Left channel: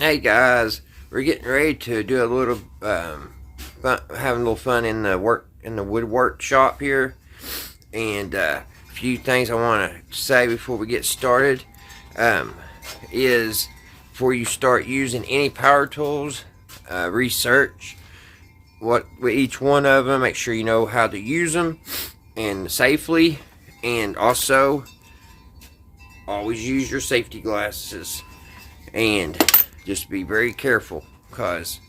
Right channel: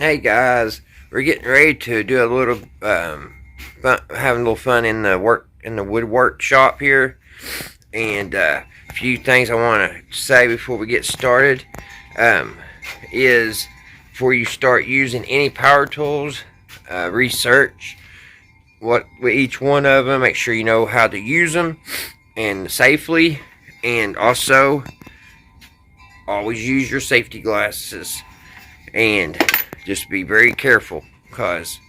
Hey guys, we're getting ready to do a little having a little fun in the woodwork shop here, and a few things I want to say before we get started. Um, is before you start using any power tools, research what with each one of them. Make sure you know how to use them and safely, and also always use your safety glasses and just be very careful, because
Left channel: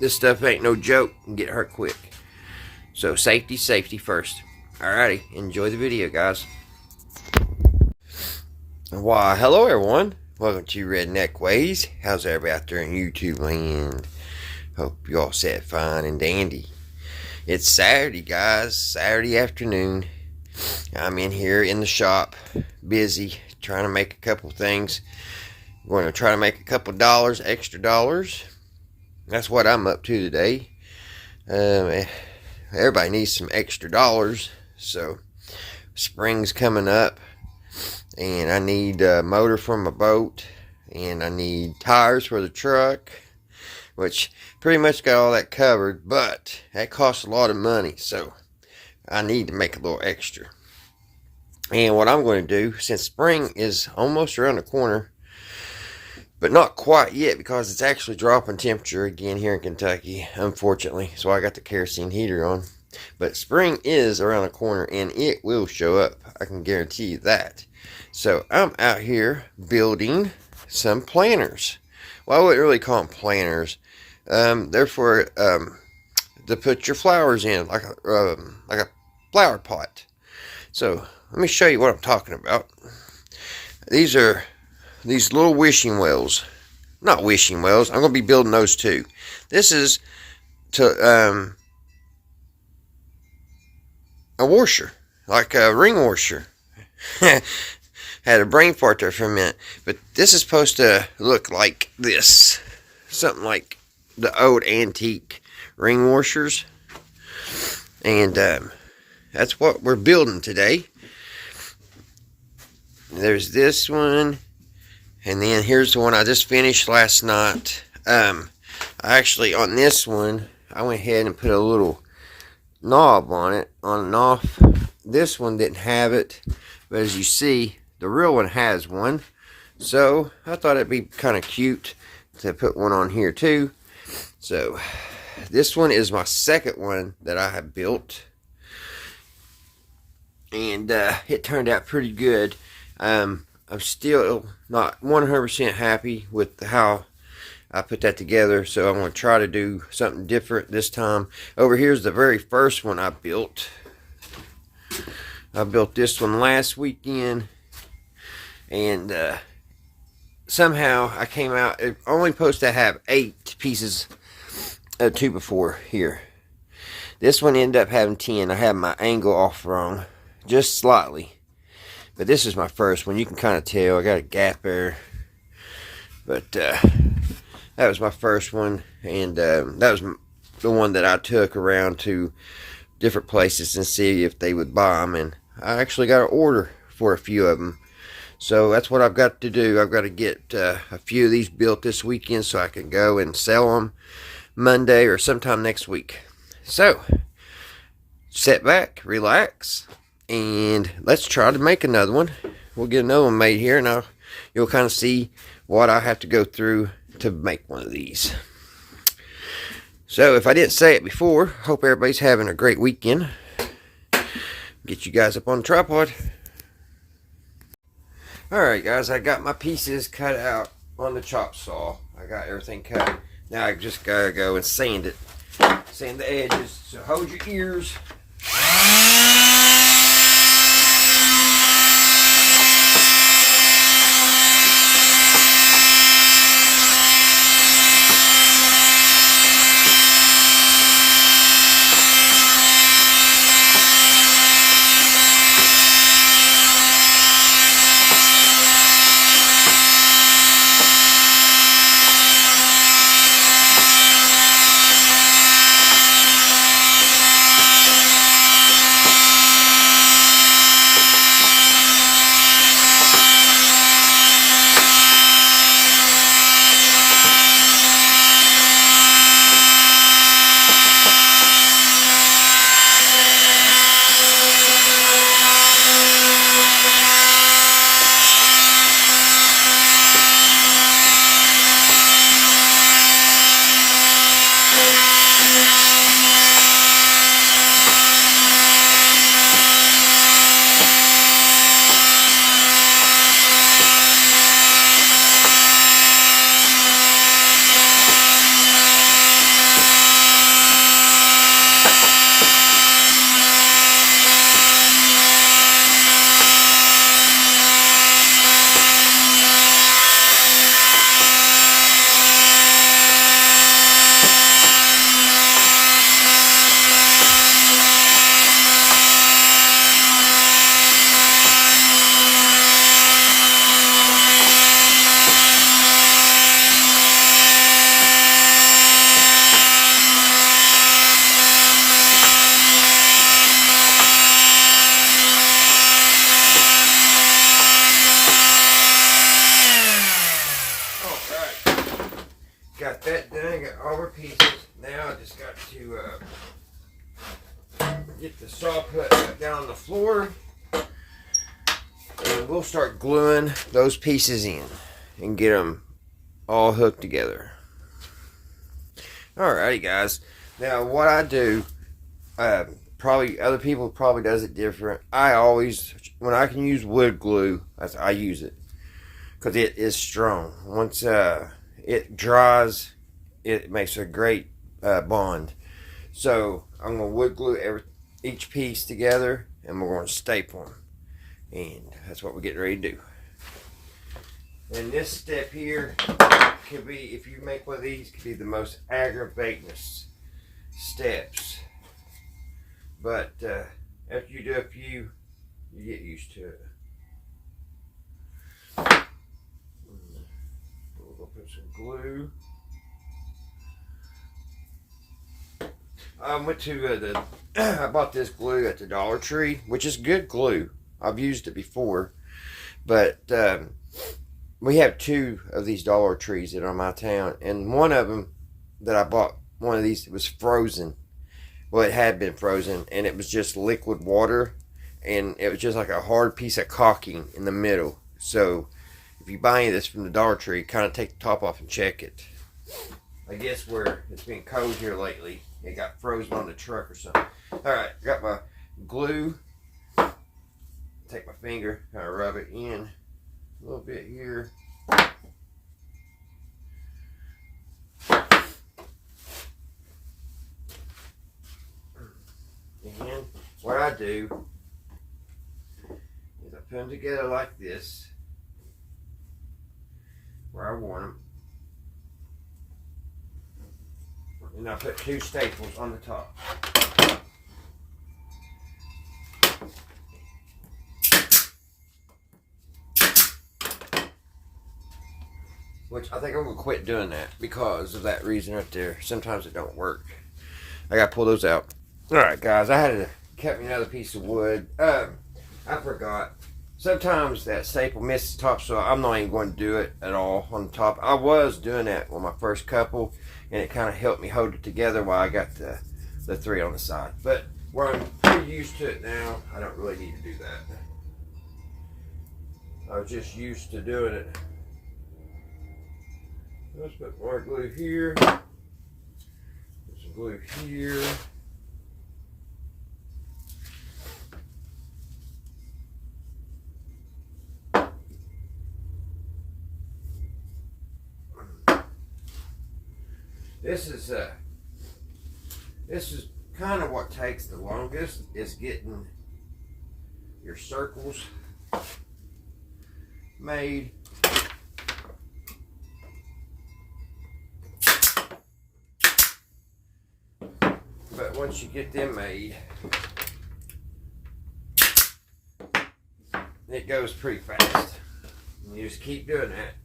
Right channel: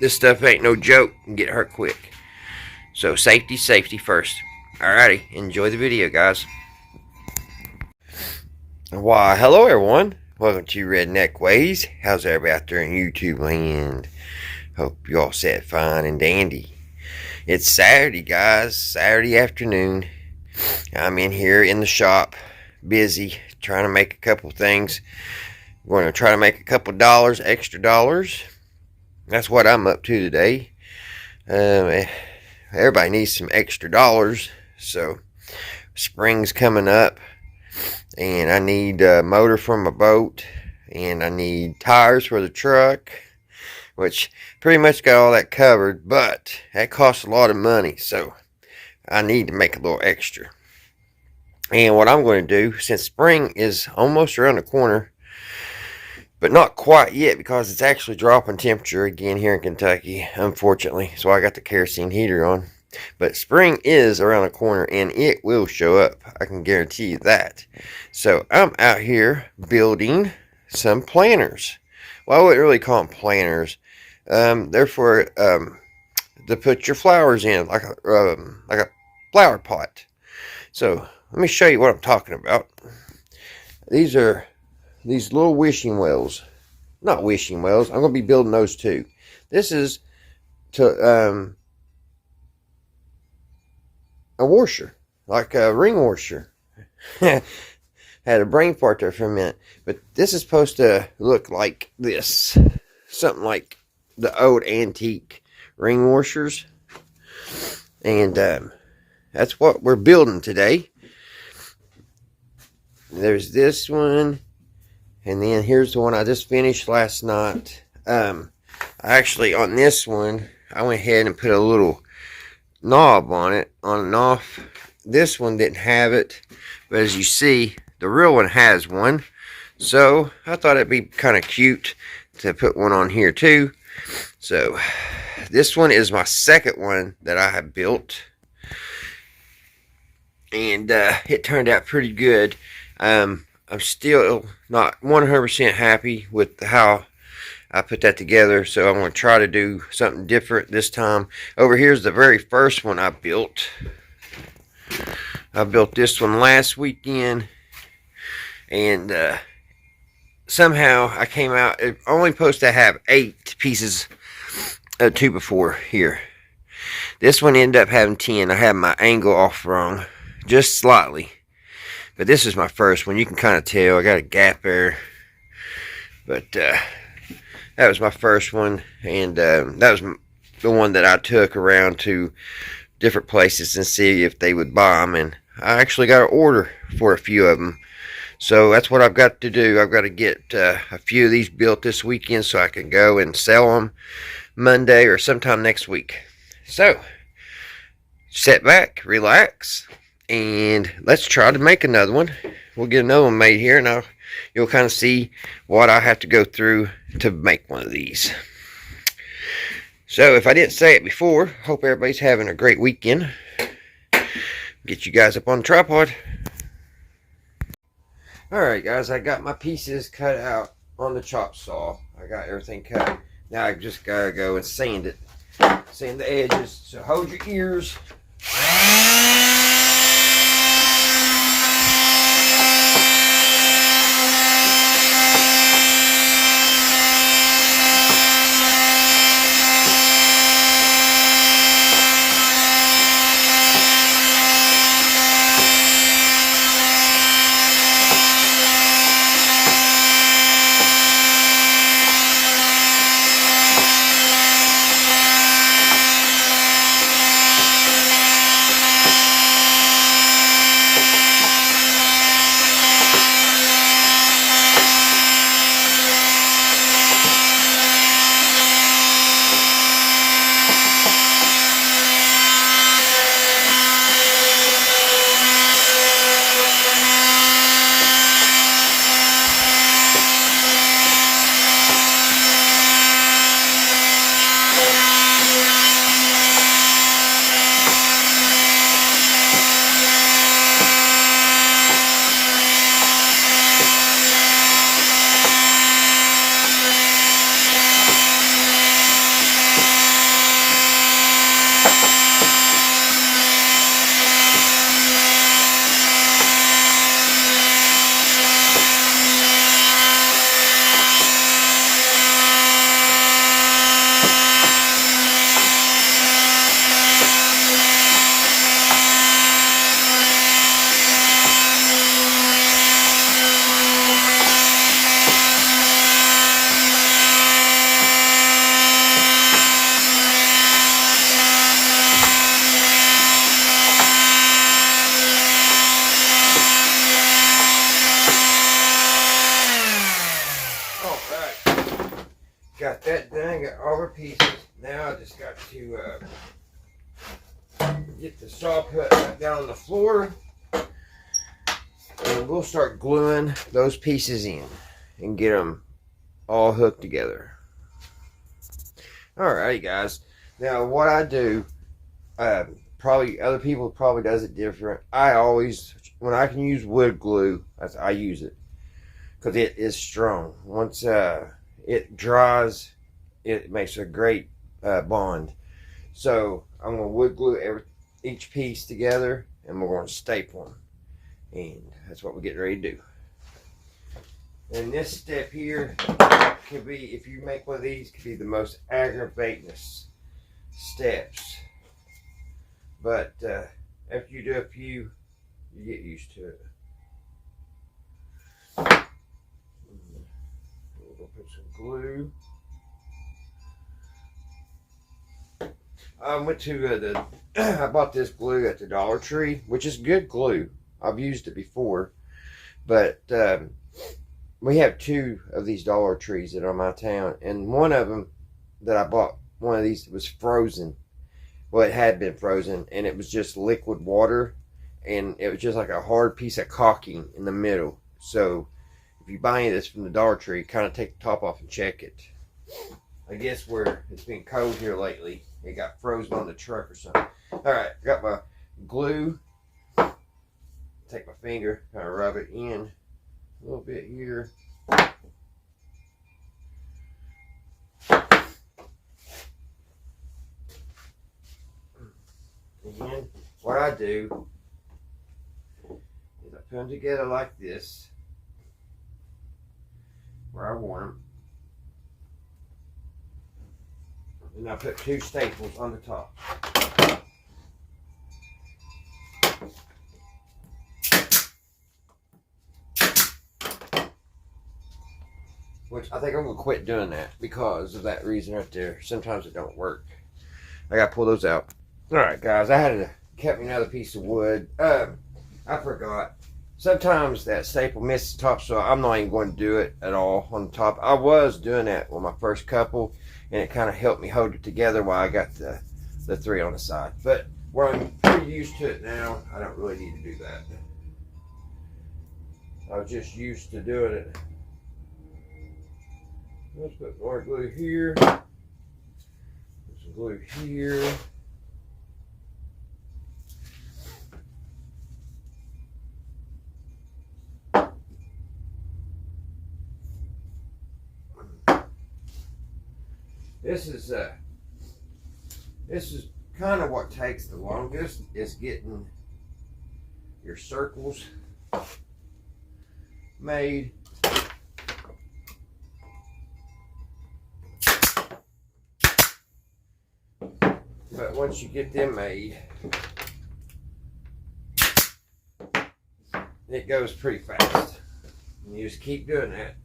this stuff ain't no joke and get hurt quick. So safety first. Alrighty, enjoy the video, guys. Why, hello everyone. Welcome to Redneck Ways. How's everybody out there in YouTube land? Hope you all set fine and dandy. It's Saturday, guys. Saturday afternoon. I'm in here in the shop, busy, trying to make a couple things. We're going to try to make a couple dollars, extra dollars. That's what I'm up to today. Everybody needs some extra dollars. So, spring's coming up. And I need a motor for my boat. And I need tires for the truck. Which, pretty much got all that covered. But, that costs a lot of money. So, I need to make a little extra. And what I'm going to do, since spring is almost around the corner, but not quite yet, because it's actually dropping temperature again here in Kentucky, unfortunately. So I got the kerosene heater on. But spring is around the corner, and it will show up. I can guarantee you that. So I'm out here building some planters. Well, I wouldn't really call them planters. They're for to put your flowers in, like a flower pot. So let me show you what I'm talking about. These are these little wishing wells. Not wishing wells. I'm going to be building those too. This is to a washer. Like a ring washer. Had a brain fart there for a minute. But this is supposed to look like this. Something like the old antique ring washers. And that's what we're building today. There's this one. And then here's the one I just finished last night. Actually, on this one, I went ahead and put a little knob on it, on and off. This one didn't have it, but as you see, the real one has one. So, I thought it'd be kind of cute to put one on here too. So, this one is my second one that I have built. And it turned out pretty good. I'm still not 100% happy with how I put that together, so I'm going to try to do something different this time. Over here's the very first one I built. I built this one last weekend, and somehow I came out, it only supposed to have 8 pieces of 2x4 here. This one ended up having 10. I had my angle off wrong, just slightly. But this is my first one. You can kind of tell. I got a gap there. But that was my first one. And that was the one that I took around to different places and see if they would buy them. And I actually got an order for a few of them. So that's what I've got to do. I've got to get a few of these built this weekend so I can go and sell them Monday or sometime next week. So, sit back, relax. And let's try to make another one. We'll get another one made here. Now you'll kind of see what I have to go through to make one of these. So if I didn't say it before, hope everybody's having a great weekend. Get you guys up on the tripod. Alright guys, I got my pieces cut out on the chop saw. I got everything cut. Now I just gotta go and sand it. Sand the edges. So hold your ears. I got all our pieces. Now I just got to get the saw put back down on the floor. And we'll start gluing those pieces in and get them all hooked together. Alrighty, guys. Now what I do, probably other people probably does it different. I always, when I can use wood glue, I use it because it is strong. Once it dries, it makes a great bond. So I'm going to wood glue each piece together, and we're going to staple them. And that's what we're getting ready to do. And this step here could be, if you make one of these, could be the most aggravating steps. But after you do a few, you get used to it. We'll put some glue. I went to I bought this glue at the Dollar Tree, which is good glue. I've used it before, but we have 2 of these Dollar Trees that are in my town, and one of them that I bought, one of these, was frozen. Well, it had been frozen, and it was just liquid water, and it was just like a hard piece of caulking in the middle. So if you buy any of this from the Dollar Tree, kind of take the top off and check it. I guess where it's been cold here lately, it got frozen on the truck or something. Alright, got my glue. Take my finger, kind of rub it in a little bit here. Again, what I do is I put them together like this, where I want them. And I put 2 staples on the top. Which I think I'm going to quit doing that because of that reason right there. Sometimes it don't work. I got to pull those out. Alright guys, I had to cut me another piece of wood. I forgot. Sometimes that staple misses the top, so I'm not even going to do it at all on the top. I was doing that with my first couple, and it kind of helped me hold it together while I got the 3 on the side. But where I'm pretty used to it now, I don't really need to do that. I was just used to doing it. Let's put more glue here. Put some glue here. This is kind of what takes the longest, is getting your circles made. But once you get them made, it goes pretty fast. And you just keep doing that.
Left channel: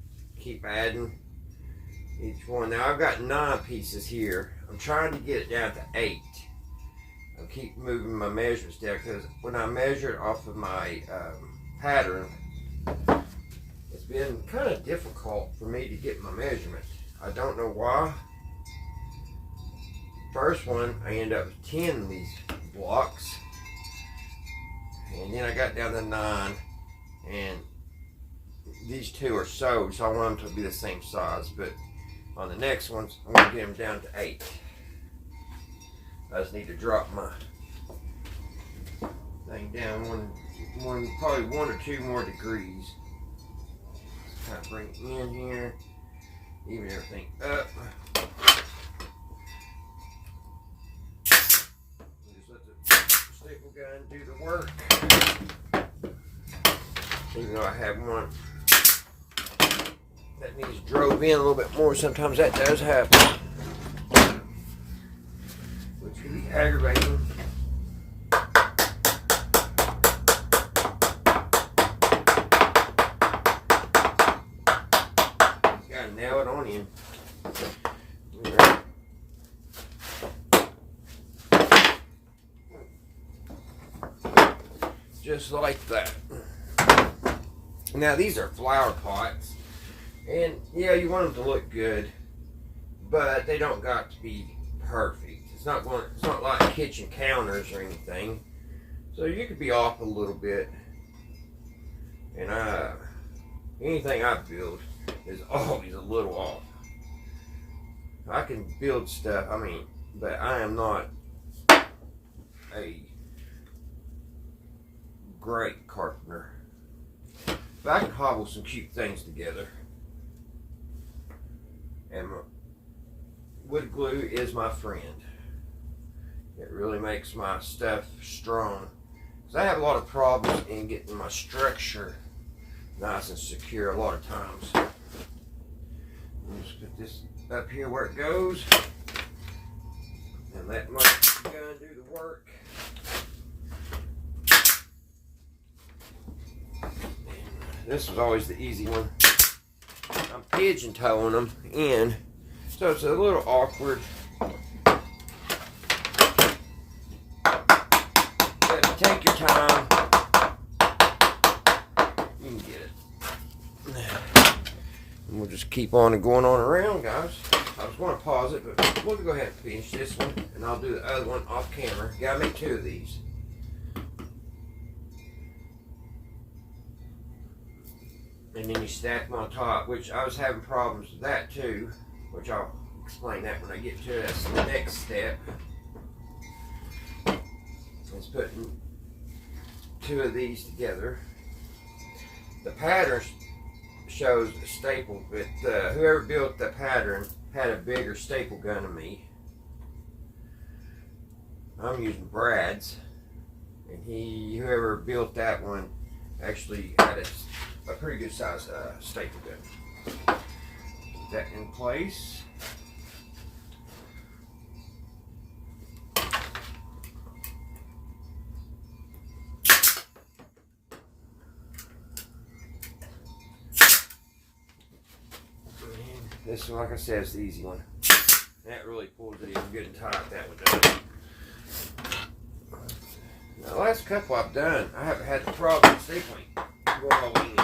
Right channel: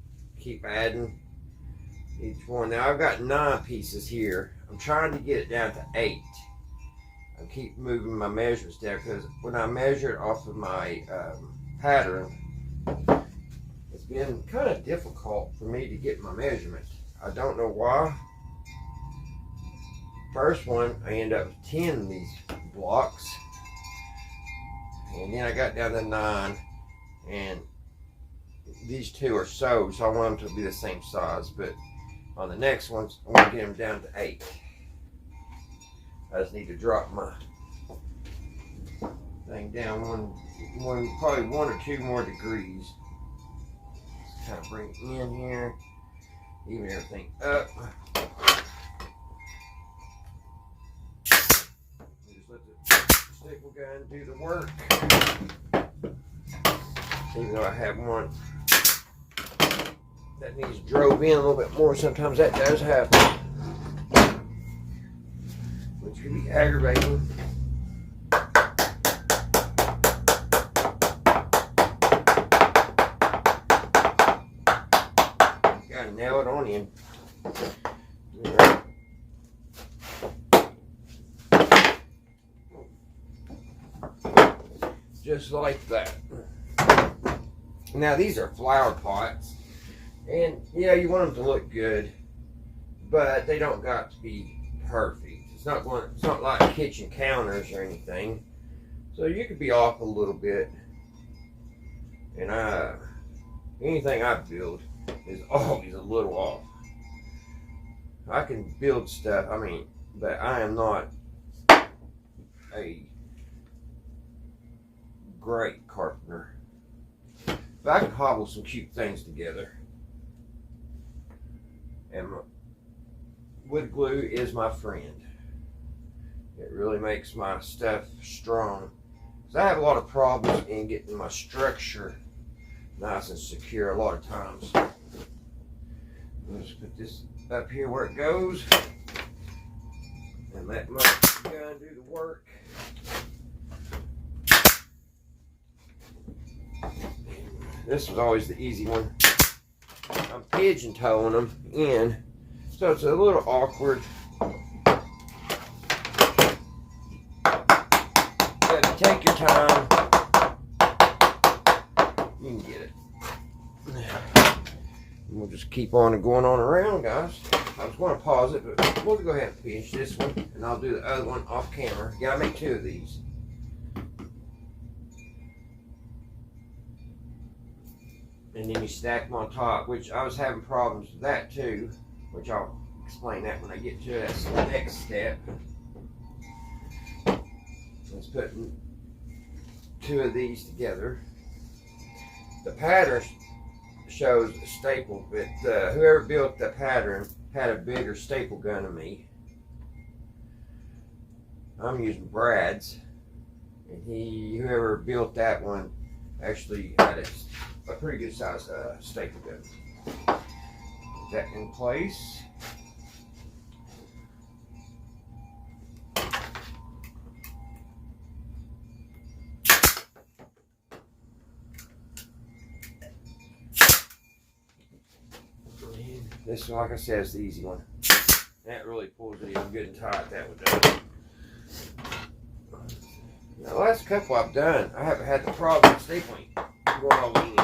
Keep adding each one. Now I've got 9 pieces here. I'm trying to get it down to 8. I keep moving my measurements down because when I measure it off of my pattern, it's been kind of difficult for me to get my measurement. I don't know why. First one, I end up with 10 of these blocks, and then I got down to 9, and these 2 are sewed, so I want them to be the same size. But on the next ones, I want to get them down to 8. I just need to drop my thing down probably 1 or 2 more degrees. Just kind of bring it in here, even everything up. Staple gun do the work. Even though I have one that needs drove in a little bit more, sometimes that does happen, which can be aggravating. Gotta nail it on in. Just like that. Now these are flower pots, and yeah, you want them to look good, but they don't got to be perfect. It's not like kitchen counters or anything. So you could be off a little bit. And anything I build is always a little off. I can build stuff, but I am not a great carpenter. But I can hobble some cute things together. And wood glue is my friend. It really makes my stuff strong. So I have a lot of problems in getting my structure nice and secure a lot of times. I'll just put this up here where it goes and let my gun do the work. This was always the easy one. I'm pigeon toeing them in, so it's a little awkward. But take your time. You can get it. And we'll just keep on and going on around, guys. I was going to pause it, but we'll go ahead and finish this one, and I'll do the other one off camera. Gotta make 2 of these. And then you stack them on top, which I was having problems with that too, which I'll explain that when I get to it. That's the next step. It's putting 2 of these together. The pattern shows a staple, but whoever built the pattern had a bigger staple gun than me. I'm using Brad's, and whoever built that one actually had a pretty good size staple gun. Put that in place. This one, like I said, is the easy one. That really pulls it even good and tight, that one does. Now, the last couple I've done, I haven't had the problem with stapling going all the way in.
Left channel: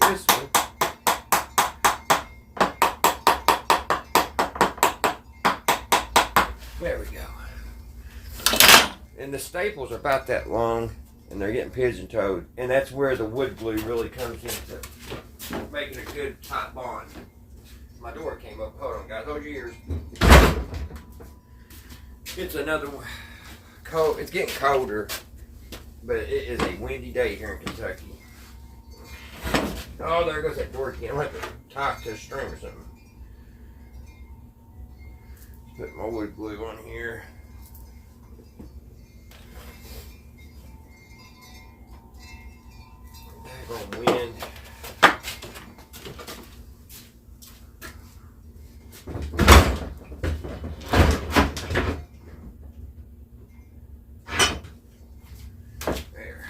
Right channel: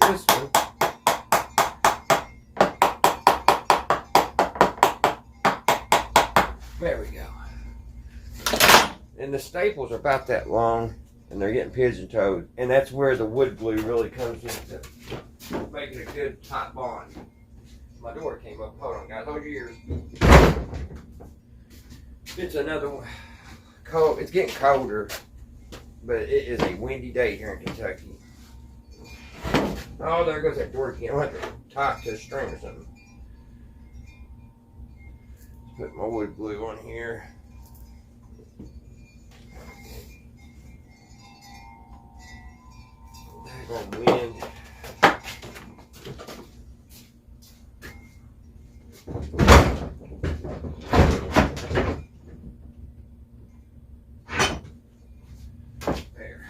This one, there we go. And the staples are about that long, and they're getting pigeon-toed, and that's where the wood glue really comes into making a good tight bond. My door came up. Hold on, guys. Hold your ears. It's another one. Cold. It's getting colder, but it is a windy day here in Kentucky. Oh, there goes that door again. I'll have to tie it to a string or something. Let's put my wood glue on here. Daggone wind. There.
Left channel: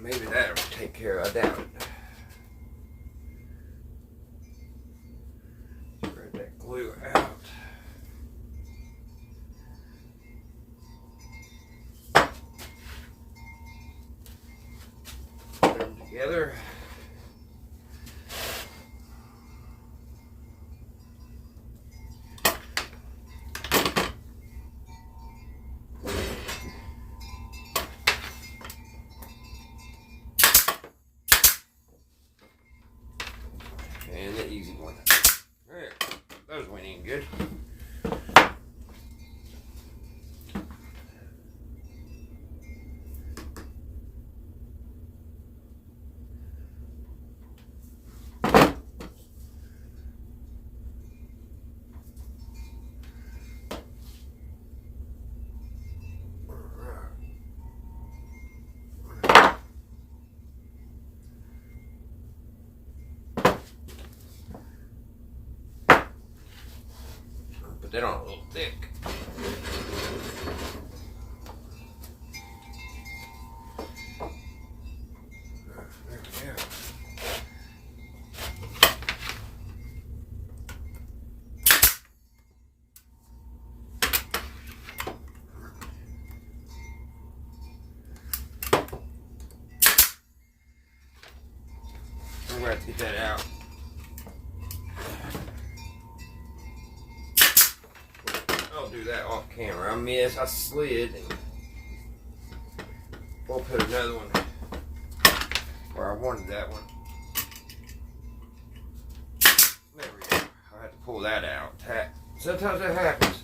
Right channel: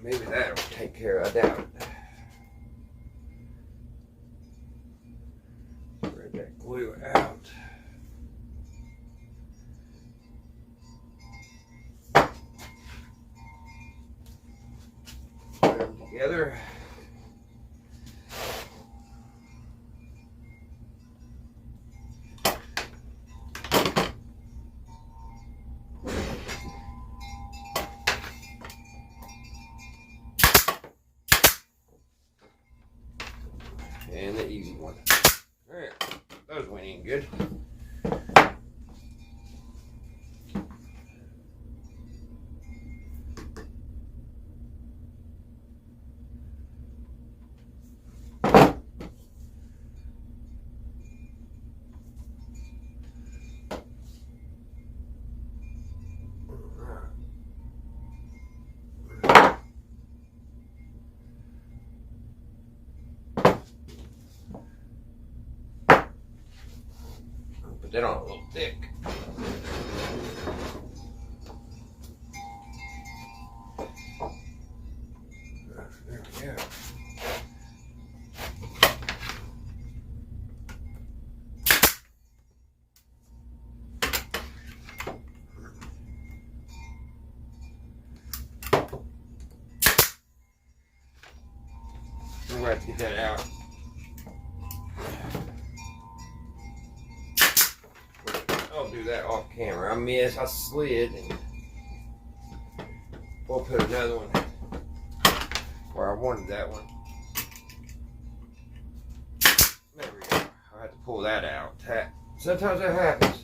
Maybe that'll take care of it. I doubt it. Spread that glue out. Put them together. And the easy one. There. Those went in good. Put that on a little thick. There we go. We're going to have to get that out. I'll do that off camera. I slid, and we'll put another one where I wanted that one. There we go. I have to pull that out. Sometimes that happens.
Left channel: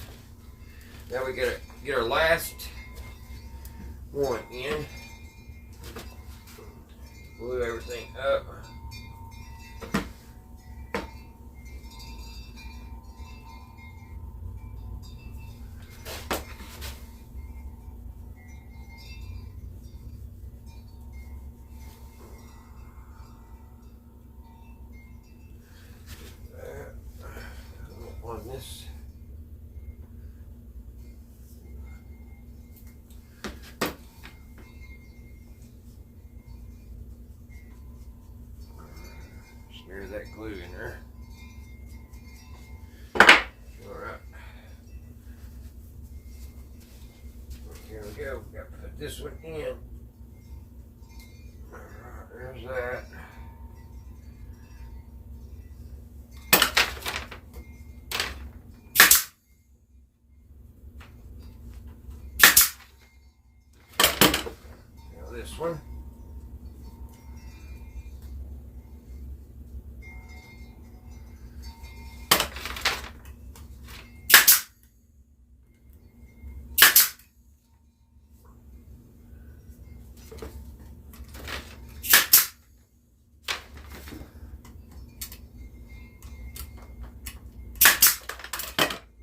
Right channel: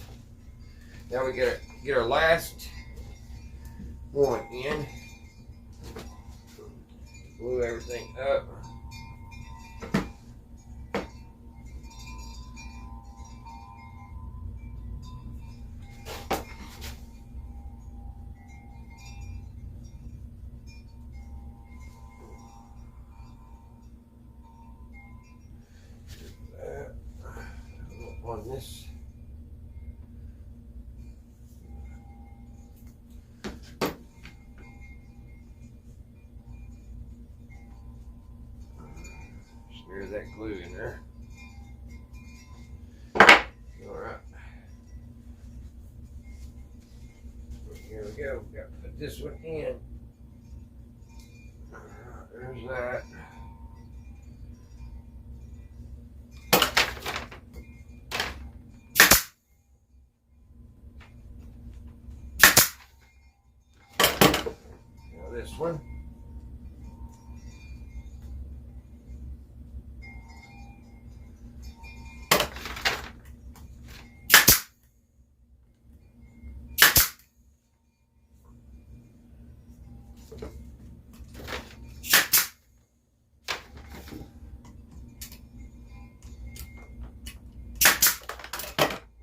Now we get our last one in. Glue everything up. On this. Smear that glue in there. Alright. Here we go. We got to put this one in. Alright, there's that. This one.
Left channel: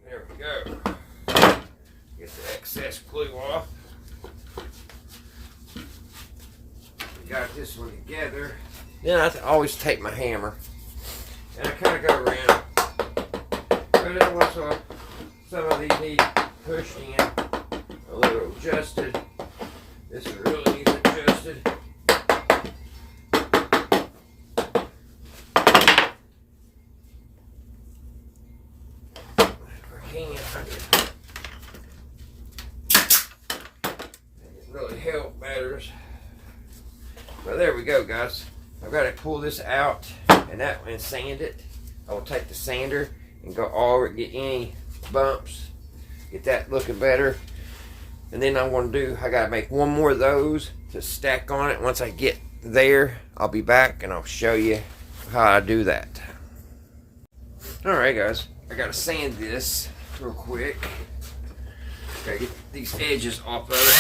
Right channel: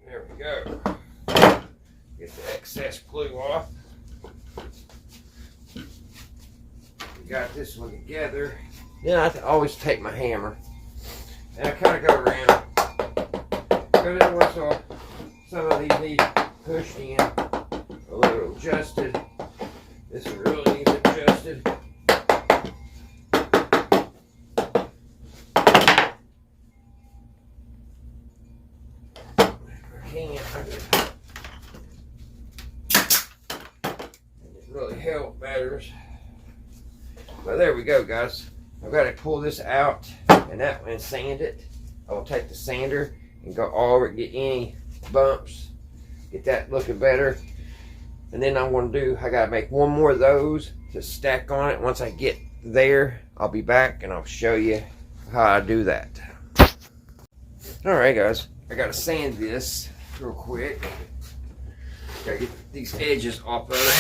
There we go. Get the excess glue off. Got this one together. Then I always take my hammer and I kind of go around. Because every once in a while, some of these need pushed in, a little adjusted. This one really needs adjusted. If I can, it really help matters. Well, there we go, guys. I've got to pull this out and sand it. I will take the sander and go all over it, get any bumps, get that looking better. And then I got to make one more of those to stack on it. Once I get there, I'll be back and I'll show you how I do that. Alright, guys. I got to sand this real quick. Got to get these edges off of it.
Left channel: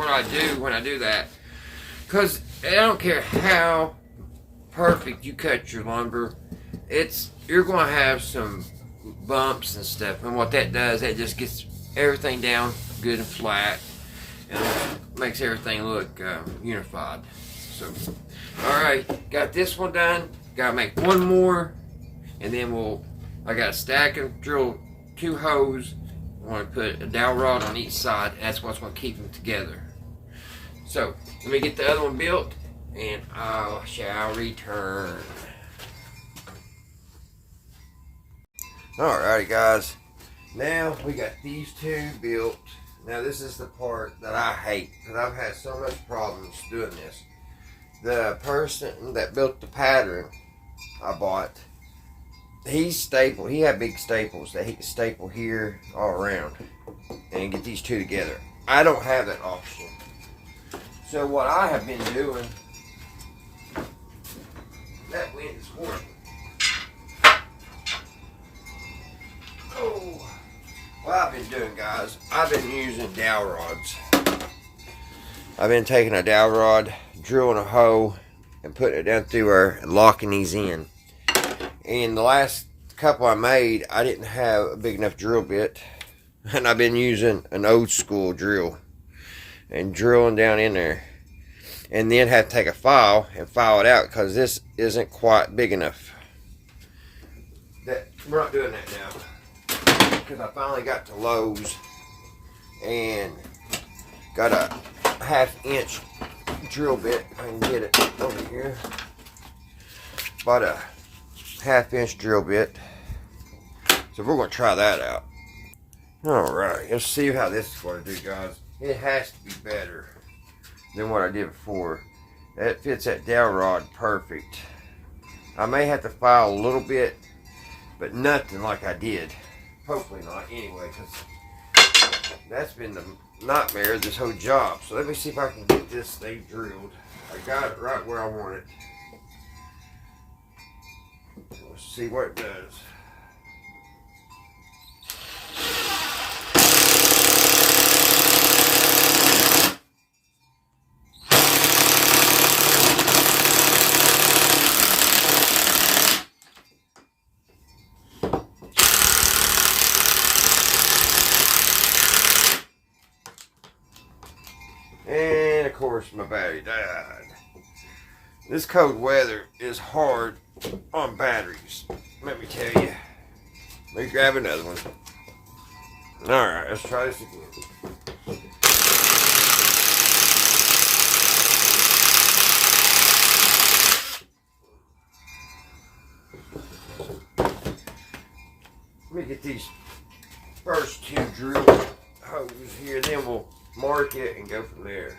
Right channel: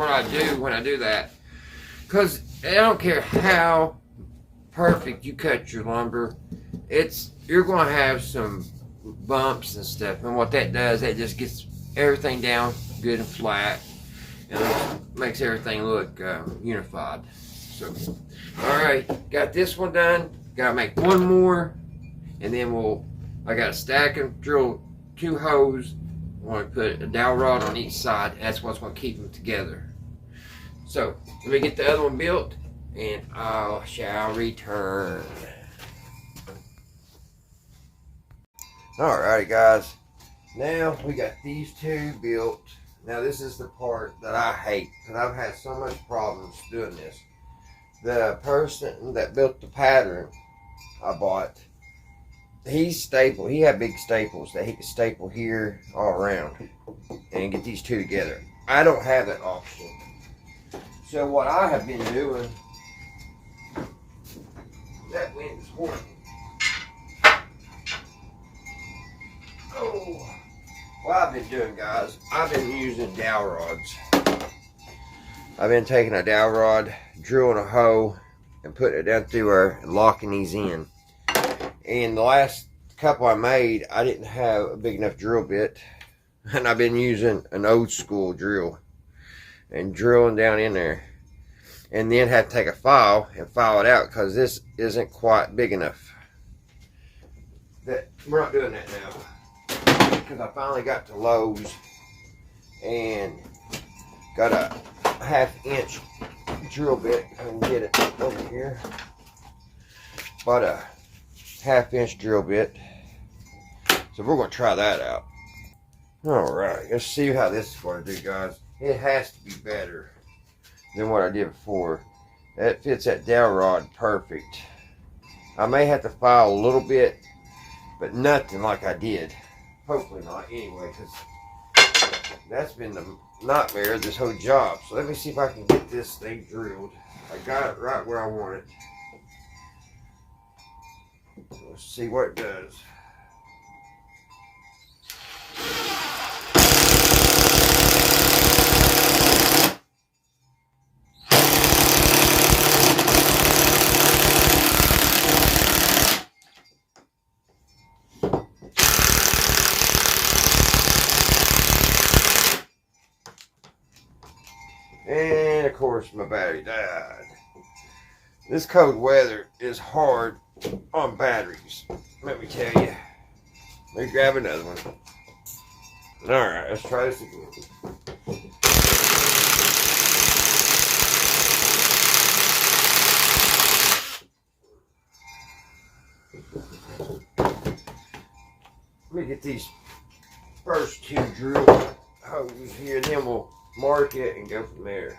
what I do when I do that. Because I don't care how perfect you cut your lumber, you're going to have some bumps and stuff. And what that does, that just gets everything down good and flat. And makes everything look unified. So, alright, got this one done. Gotta make one more. And then I got a stack and drill 2 holes. I want to put a dowel rod on each side. That's what's going to keep them together. So, let me get the other one built, and I shall return. Alrighty, guys. Now, we got these 2 built. Now, this is the part that I hate, because I've had so much problems doing this. The person that built the pattern I bought, he had big staples that he could staple here all around and get these 2 together. I don't have that option. So what I have been doing, that wind is horrible. Oh, what I've been doing, guys, I've been using dowel rods. I've been taking a dowel rod, drilling a hole, and putting it down through there and locking these in. And the last couple I made, I didn't have a big enough drill bit, and I've been using an old school drill and drilling down in there, and then have to take a file and file it out because this isn't quite big enough. We're not doing that now because I finally got to Lowe's and got a 1/2 inch drill bit. I can get it over here. Bought a 1/2 inch drill bit, so we're going to try that out. Alright, let's see how this is going to do, guys. It has to be better than what I did before. That fits that dowel rod perfect. I may have to file a little bit, but nothing like I did. Hopefully not anyway, because that's been the nightmare of this whole job. So let me see if I can get this thing drilled. I got it right where I want it. Let's see what it does. And of course my battery died. This cold weather is hard on batteries, let me tell you. Let me grab another one. Alright, let's try this again. Let me get these first 2 drill holes here, then we'll mark it and go from there.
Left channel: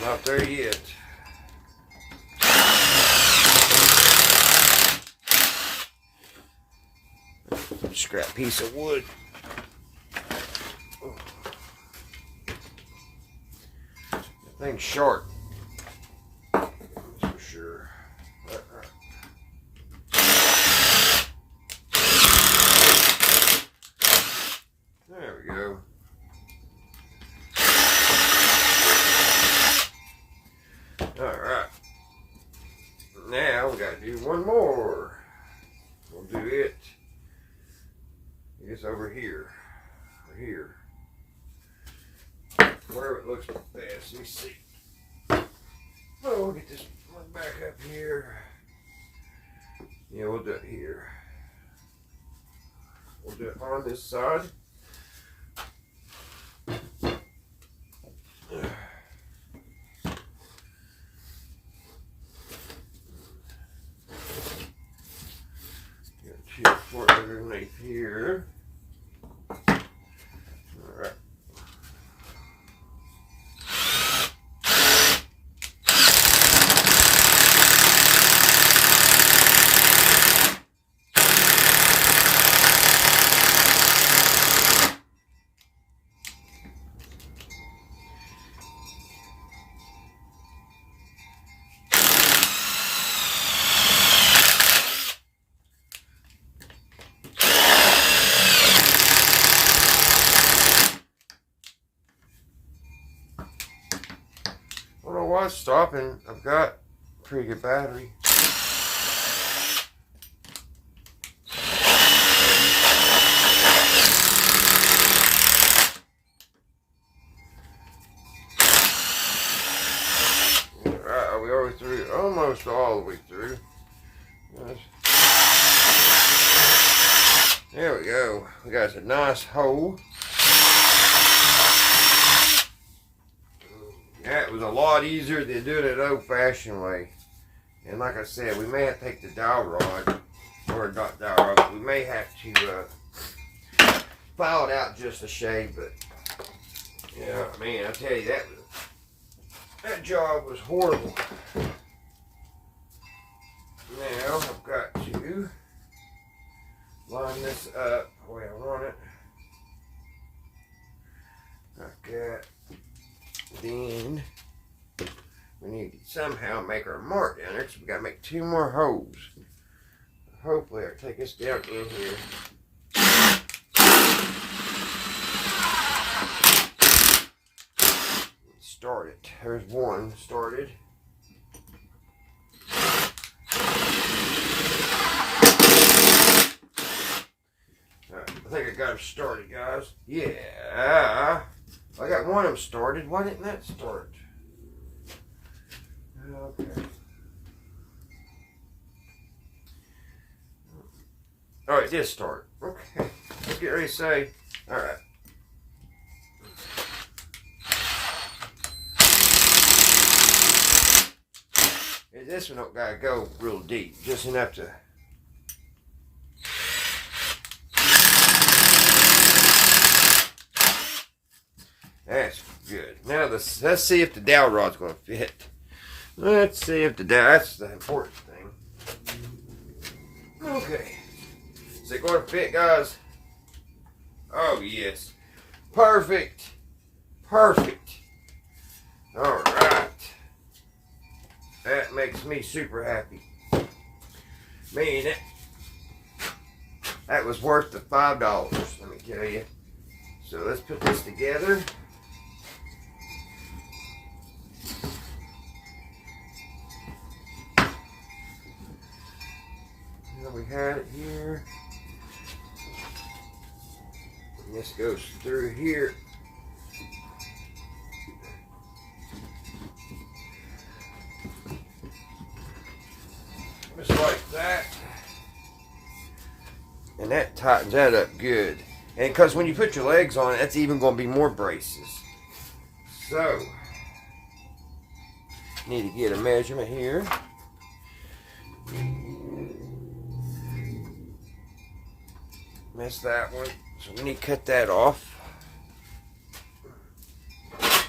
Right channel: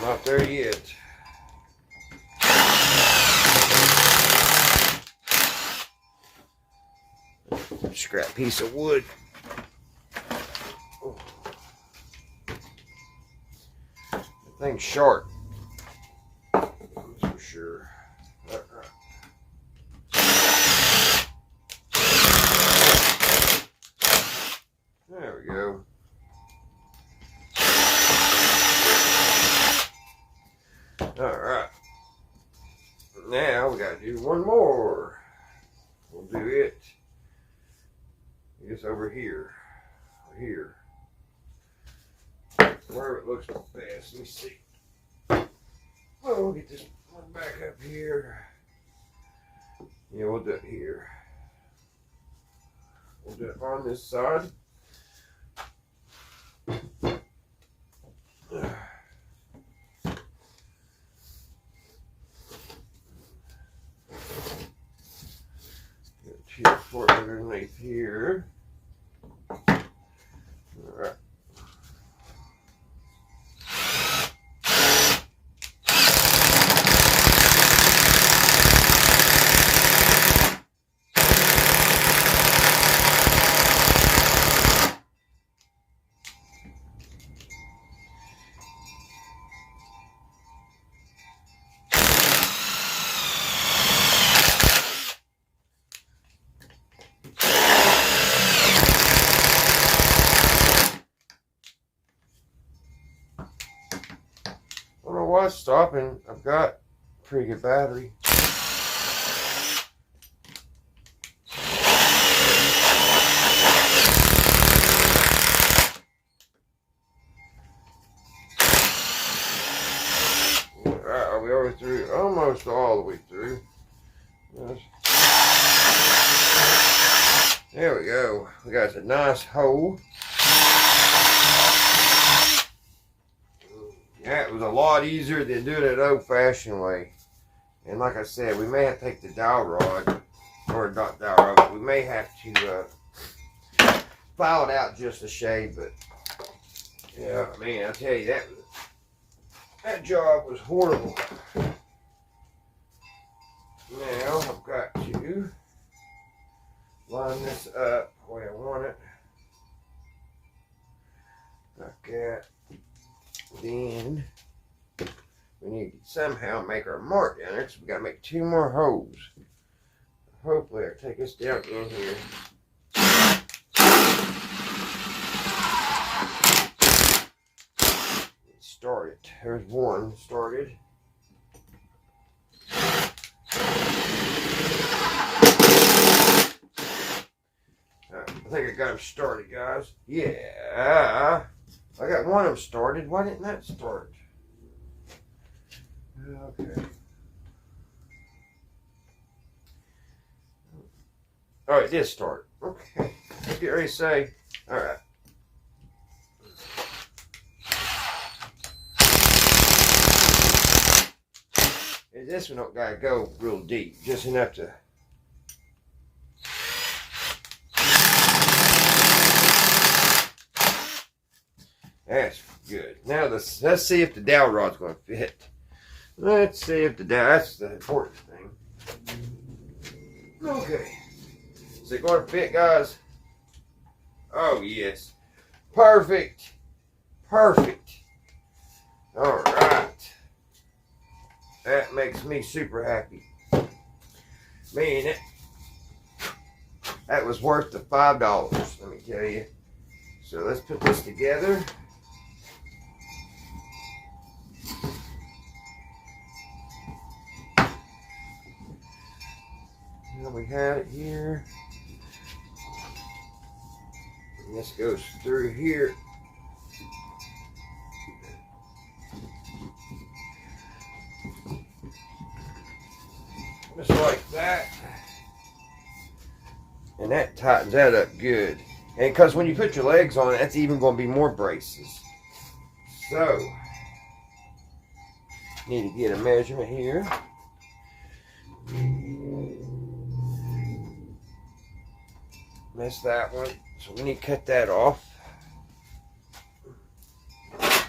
Not there yet. Scrap piece of wood. The thing's sharp. That's for sure. There we go. Alright. Now we gotta do one more. We'll do it, I guess, over here. Or here. Wherever it looks best. Let me see. Oh, we'll get this one back up here. Yeah, we'll do it here. We'll do it on this side. Get for it underneath here. Alright. Oh, it's stopping. I've got pretty good battery. Alright, are we over through? Almost all the way through. There we go. We got a nice hole. That was a lot easier than doing it old-fashioned way. And like I said, we may have to take the dowel rod, or not dowel rod, but we may have to file it out just a shade. But yeah, man, I tell you, that job was horrible. Now I've got to line this up the way I want it. Like that. Then we need to somehow make our mark down there, because we got to make 2 more holes. Hopefully I'll take us down in here. Start it. There's one started. I think I got them started, guys. Yeah. I got one of them started. Why didn't that start? Okay. Oh, it did start. Okay. Let's get ready to say. Alright. This one don't gotta go real deep. Just enough to. That's good. Now let's see if the dowel rod's going to fit. Let's see if the dowel. That's the important thing. Okay. Is it going to fit, guys? Oh yes. Perfect. Perfect. All right. That makes me super happy. Man, that was worth the $5. Let me tell you. So let's put this together. We had it here. And this goes through here. Just like that. And that tightens that up good. And because when you put your legs on it, that's even going to be more braces. So, need to get a measurement here. Missed that one, so we need to cut that off. Take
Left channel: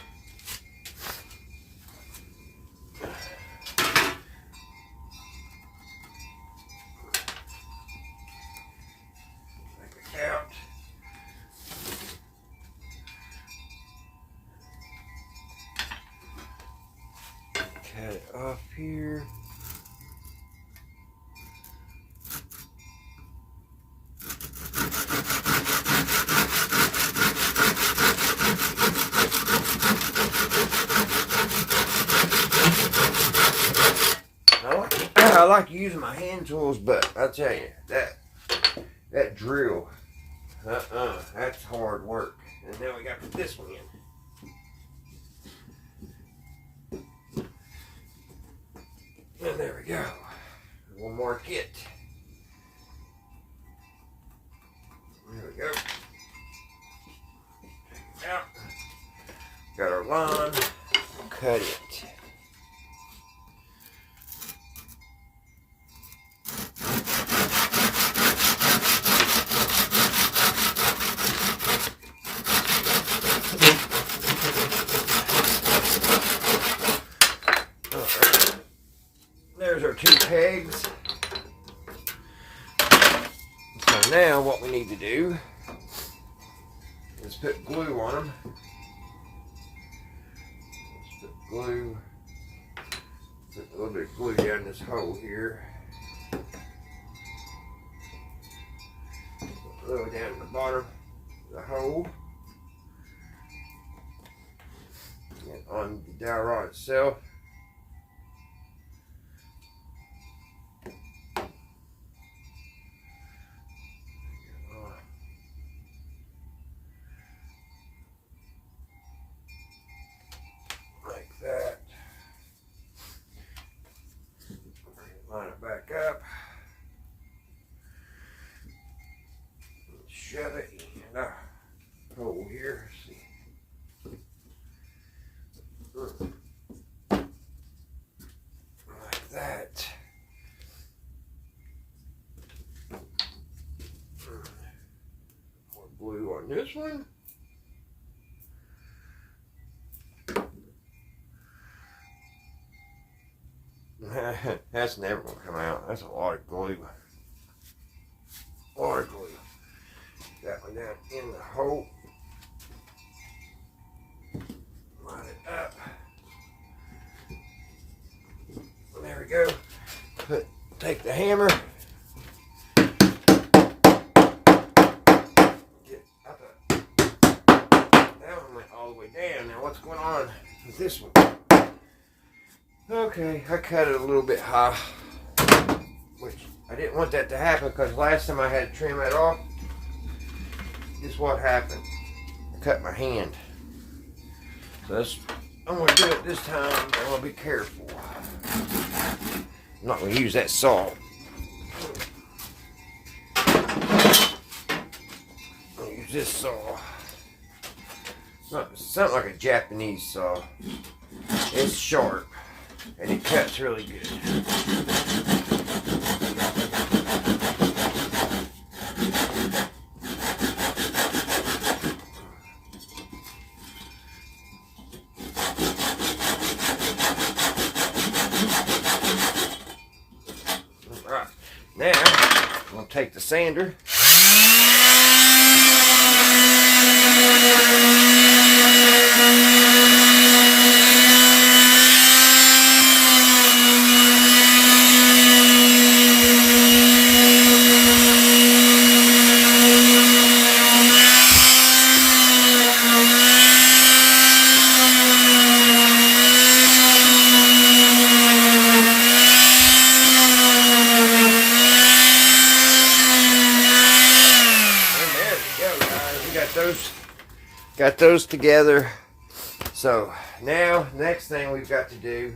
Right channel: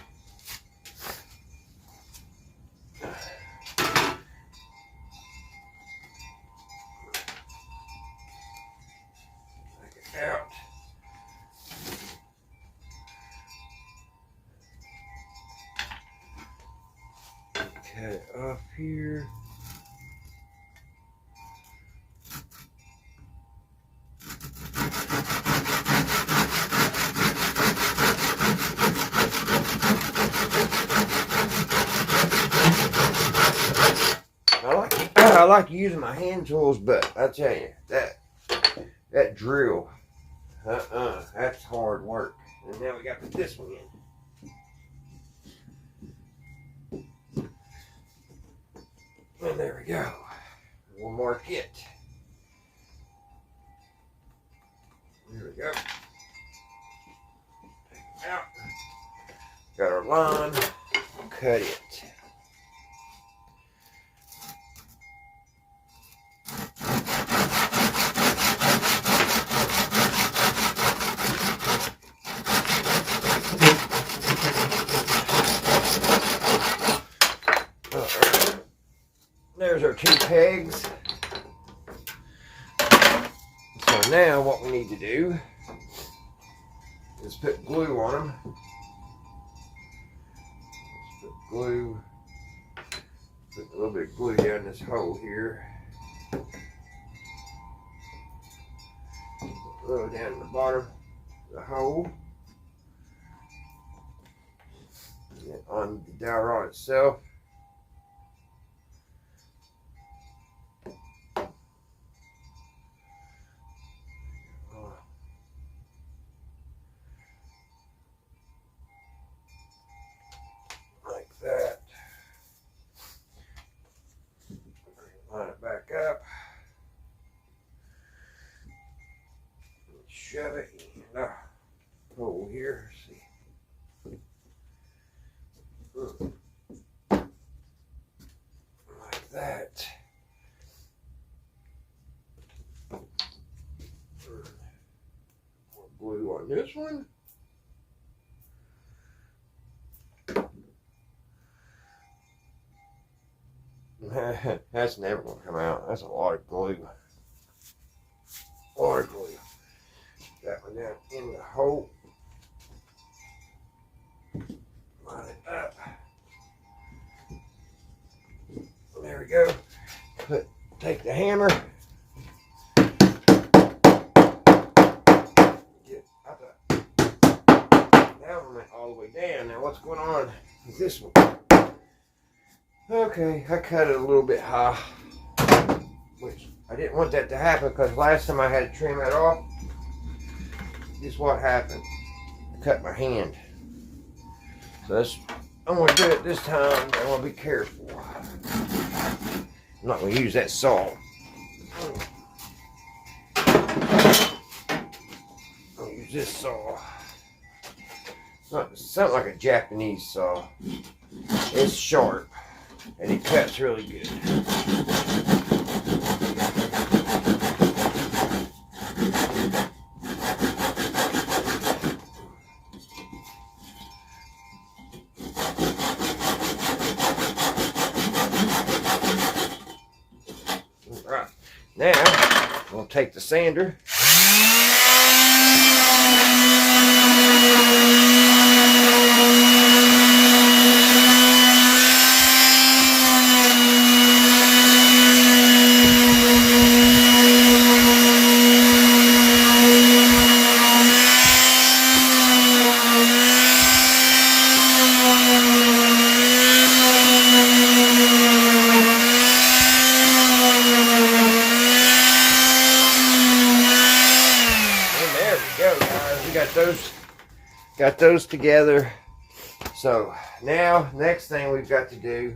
it out. Cut it off here. I like using my hand tools, but I tell you, that drill, that's hard work. And now we got to put this one in. And there we go. One more kit. There we go. Take it out. Got our line. Cut it. There's our 2 pegs. So now what we need to do is put glue on them. Let's put glue. Put a little bit of glue down this hole here. A little down the bottom of the hole. And on the dowel rod itself. shove it in a hole here. See. Like that. More glue on this one. That's never going to come out. That's a lot of glue. A lot of glue. That one down in the hole. Line it up. There we go. Take the hammer. Get out that one went all the way down. Now what's going on with this one? Okay, I cut it a little bit high, which I didn't want that to happen because last time I had to trim it off, this is what happened. I cut my hand. So I'm going to do it this time, but I want to be careful. I'm not going to use that saw. I'll use this saw. It's something like a Japanese saw. It's sharp. And it cuts really good. Right. Now, I'm going to take the sander. Got those together. So now next thing we've got to do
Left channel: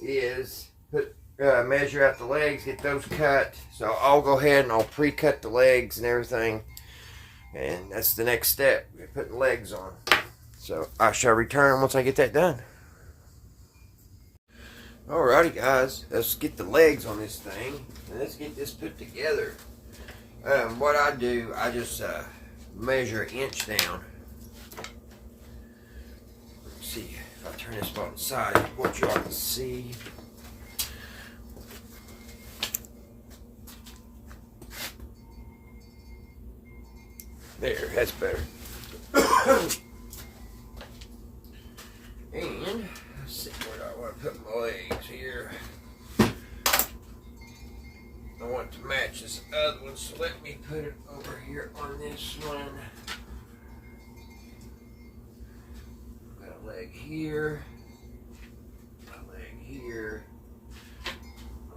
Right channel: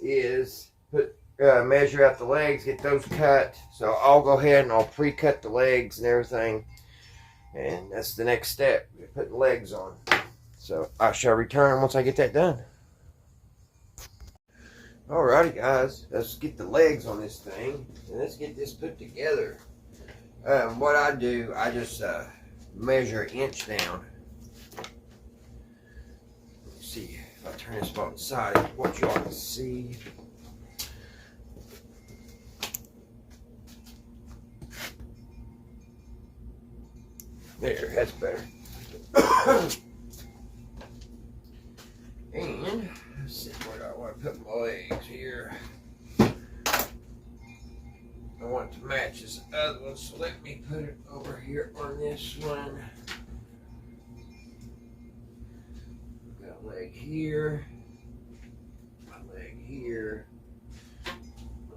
is measure out the legs, get those cut. So I'll go ahead and I'll pre-cut the legs and everything, and that's the next step, putting legs on. So I shall return once I get that done. Alrighty guys, let's get the legs on this thing and let's get this put together. What I do, I just measure an inch down. Let's see if I turn this on the side, what y'all can see. There, that's better. And let's see, where do I want to put my legs here? I want it to match this other one, so let me put it over here on this one. I've got a leg here, a leg here, a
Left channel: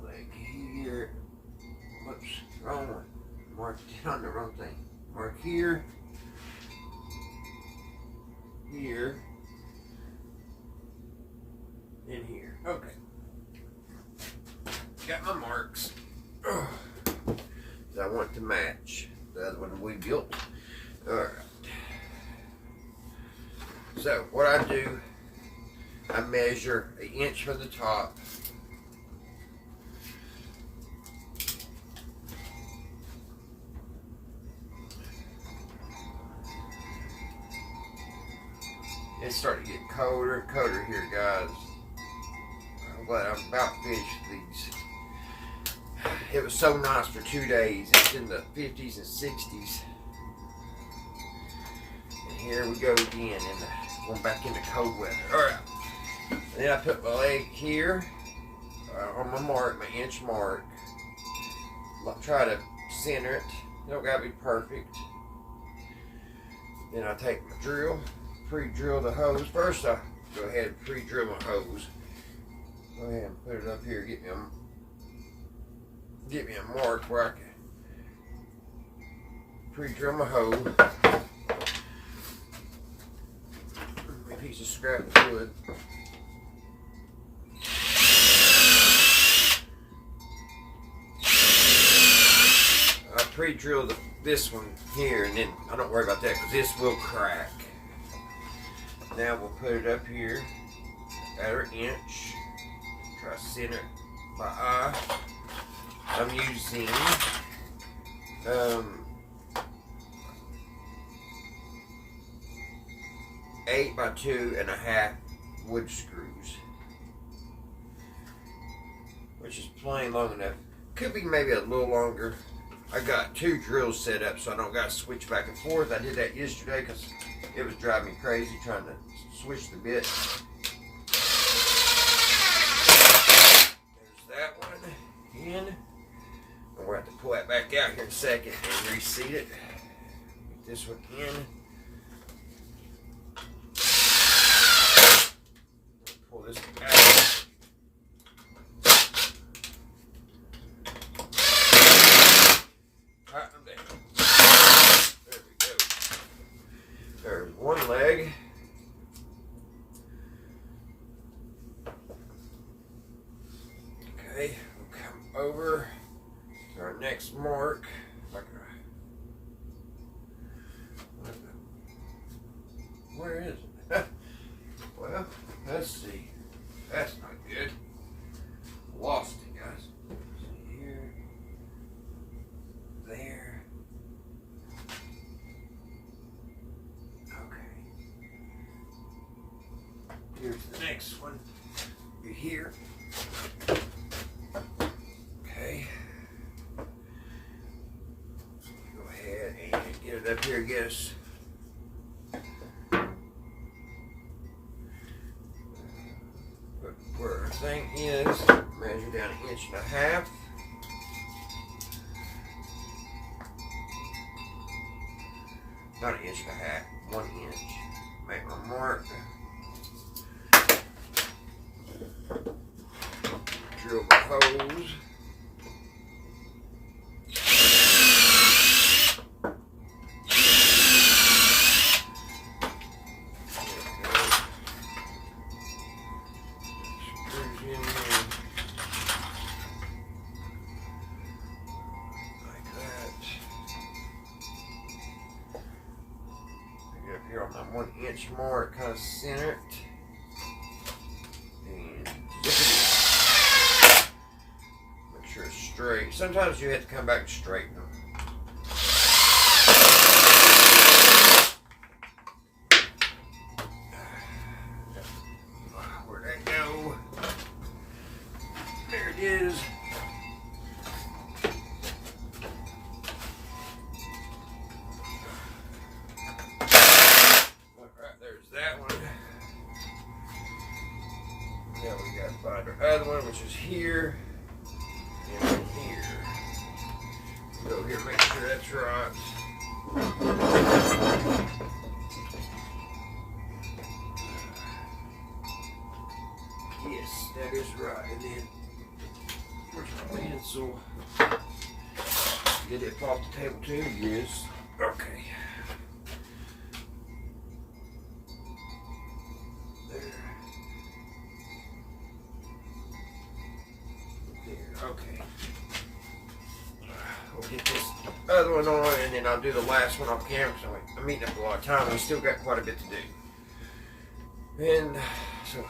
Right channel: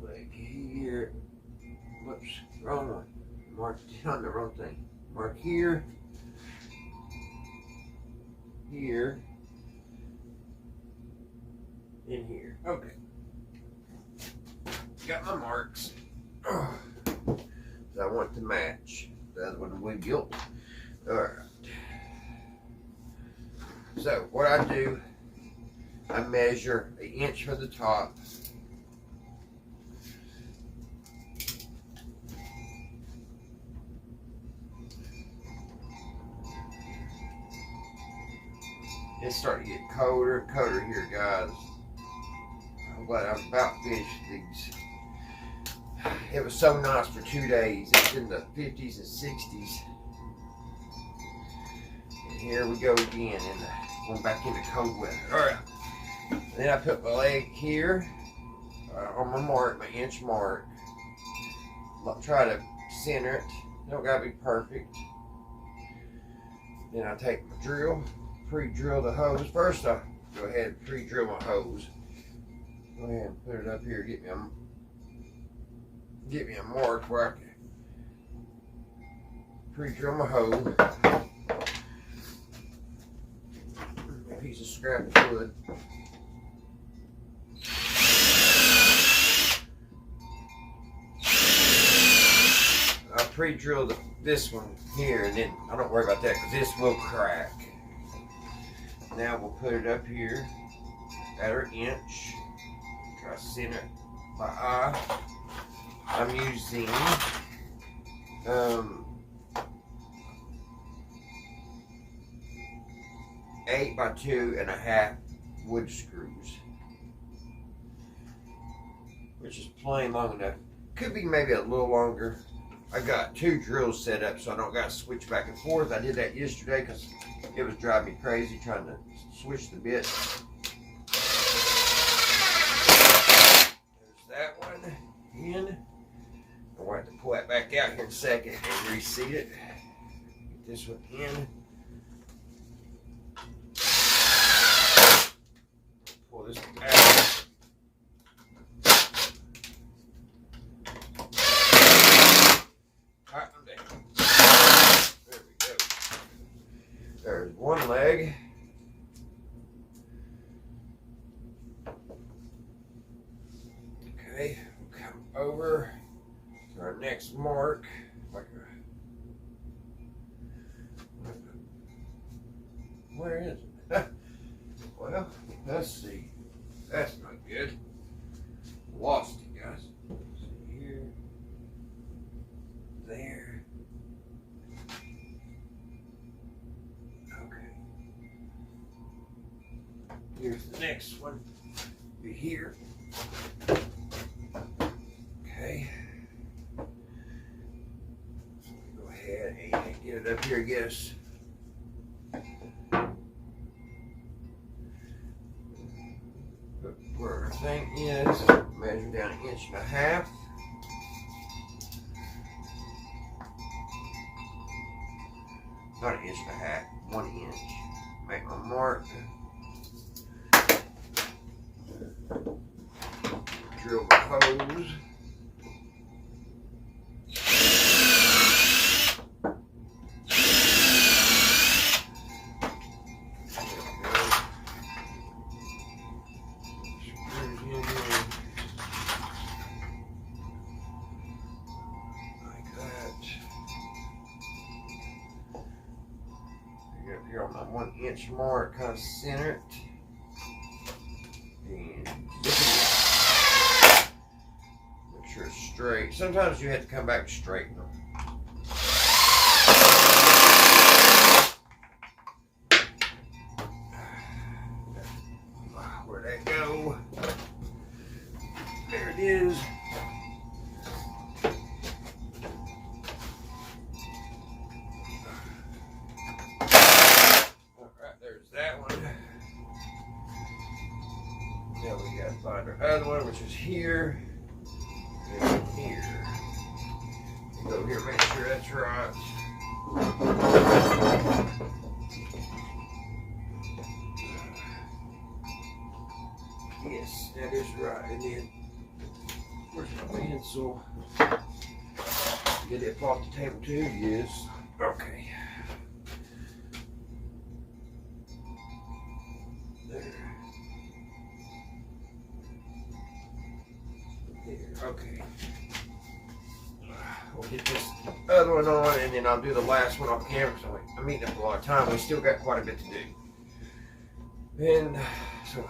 leg here. Whoops, wrong one. Marked on the wrong thing. Mark here, here, and here. Okay. Got my marks. I want to match the other one we built. Alright. So what I do, I measure an inch from the top. It's starting to get colder and colder here, guys. I'm glad I'm about finished these. It was so nice for 2 days. It's in the 50s and 60s. And here we go again, going back into cold weather. Alright. And then I put my leg here on my mark, my inch mark. Try to center it. You don't gotta be perfect. Then I take my drill, pre-drill the hose. First I go ahead and pre-drill my hose. Go ahead and put it up here, get me a mark where I can pre-drill my hose. A piece of scrap wood. pre-drill this one here, and then I don't worry about that because this will crack. Now we'll put it up here at our inch. Try to center it by eye. I'm using 8 by 2.5 wood screws, which is plain long enough. Could be maybe a little longer. I got 2 drills set up so I don't got to switch back and forth. I did that yesterday because it was driving me crazy trying to switch the bit. There's that one in. And we'll have to pull that back out here in a second and reseat it. Get this one in. Pull this one out. Tighten them down. There we go. There's one leg. Okay, we'll come over to our next mark. Where is it? Well, let's see. That's not good. Lost it, guys. See here. There. Okay. Here's the next one. Be here. Okay. Go ahead and get it up here, I guess. Where our thing is, measure down 1.5 inches. Not 1.5 inches, 1 inch. Make my mark. Drill the hose. Here on my 1 inch mark, kind of center it, and zip it in. Make sure it's straight. Sometimes you have to come back and straighten them. Where'd that go? There it is. Now we got to find our other one, which is here and here. Go here, make sure that's right. Yes, that is right. And then, where's my pencil? Did it fall off the table too? Yes. Okay. Okay. We'll get this other one on, and then I'll do the last one off camera because I'm eating up a lot of time. We still got quite a bit to do. And so,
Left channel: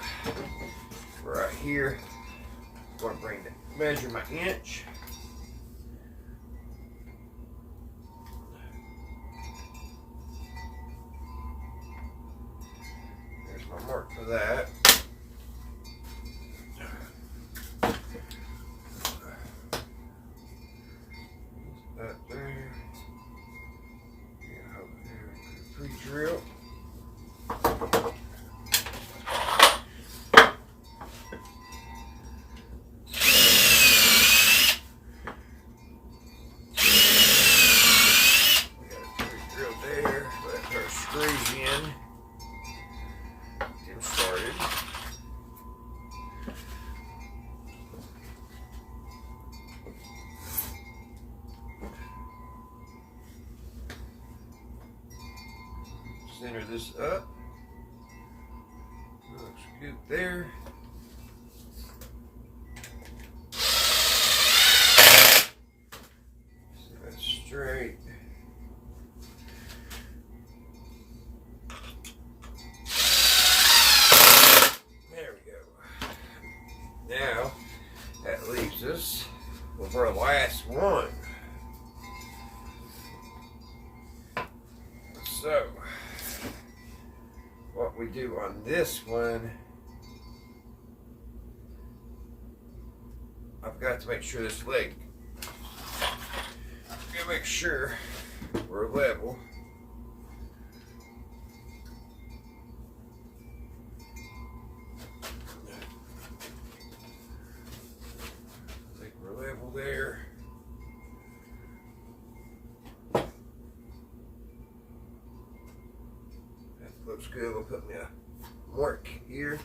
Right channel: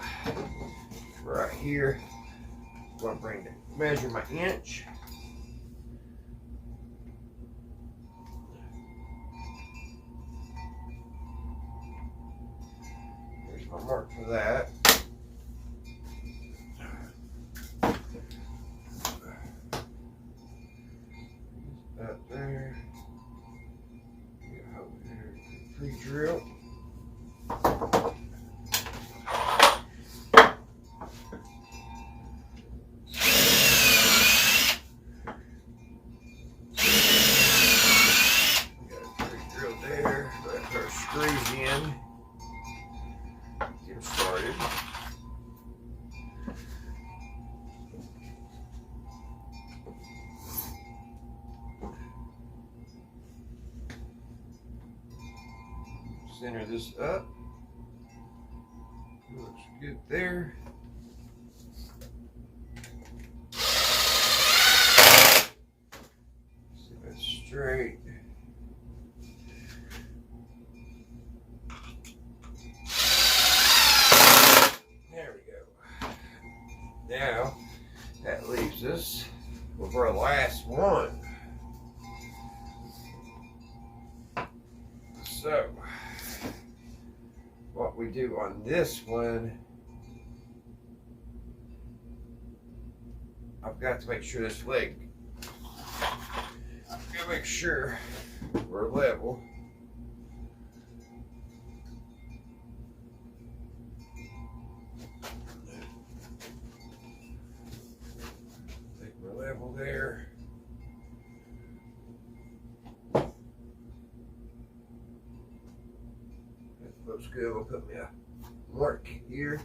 right here, I'm going to measure my inch. There's my mark for that. Up there. Yeah, over there. Pre-drill. We got a pre-drill there. Let's put our screws in. Get them started. Center this up. Looks good there. See if that's straight. So, what we do on this one, I've got to make sure this leg, I've got to make sure we're level. I think we're level there. That looks good. We'll put me a mark here.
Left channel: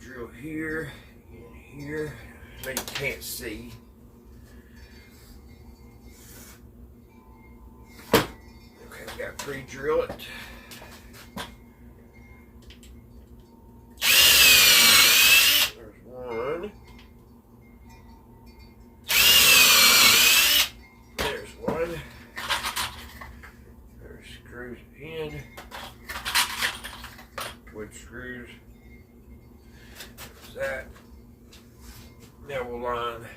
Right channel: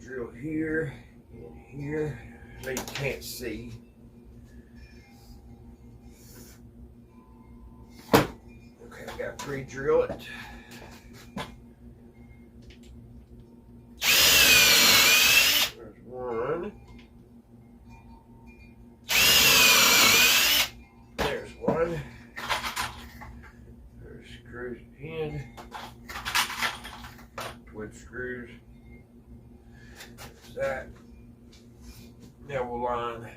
Drill here and here. Now you can't see. Okay, we got to pre-drill it. There's one. There's one. There's screws in. Wood screws. That. Now we'll line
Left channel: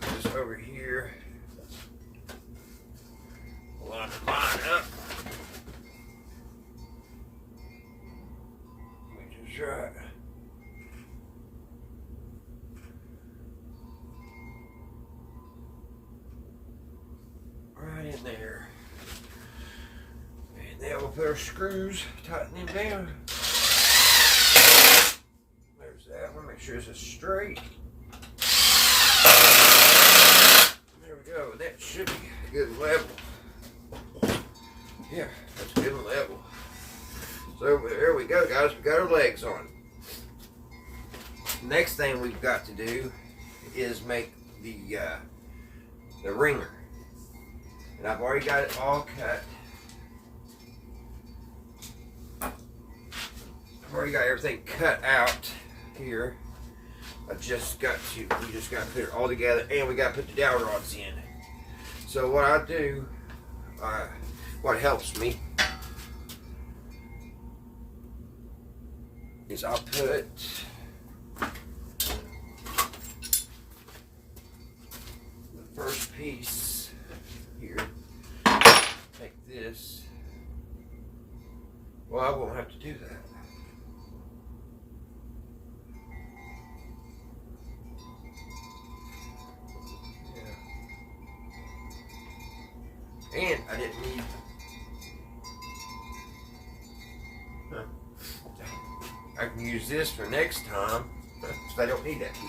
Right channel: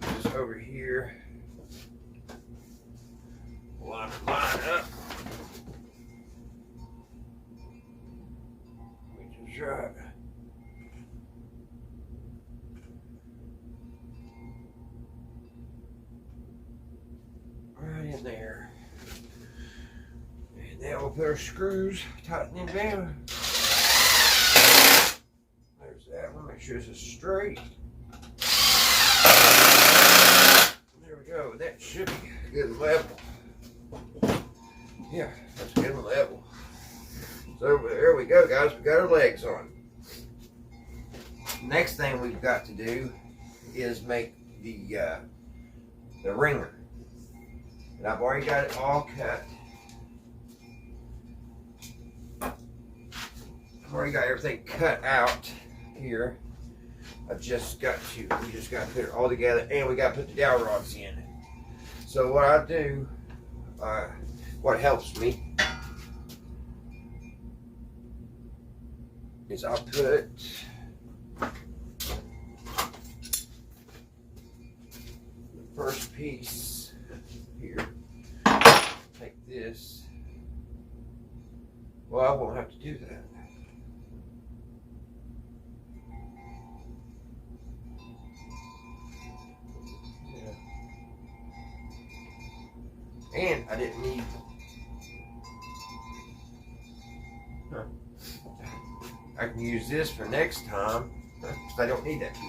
this over here. Line up. Which is right. Right in there. And now we'll put our screws, tighten them down. That one, make sure this is straight. There we go. That should be a good level. Yeah, that's good and level. So there we go, guys. We got our legs on. Next thing we've got to do is make the ringer, and I've already got it all cut. I've already got everything cut out. Here, we just got to put it all together, and we got to put the dowel rods in. So what I do, what helps me, is I'll put the first piece here, take this, well, I won't have to do that. And I didn't need, I can use this for next time, because I don't need that piece.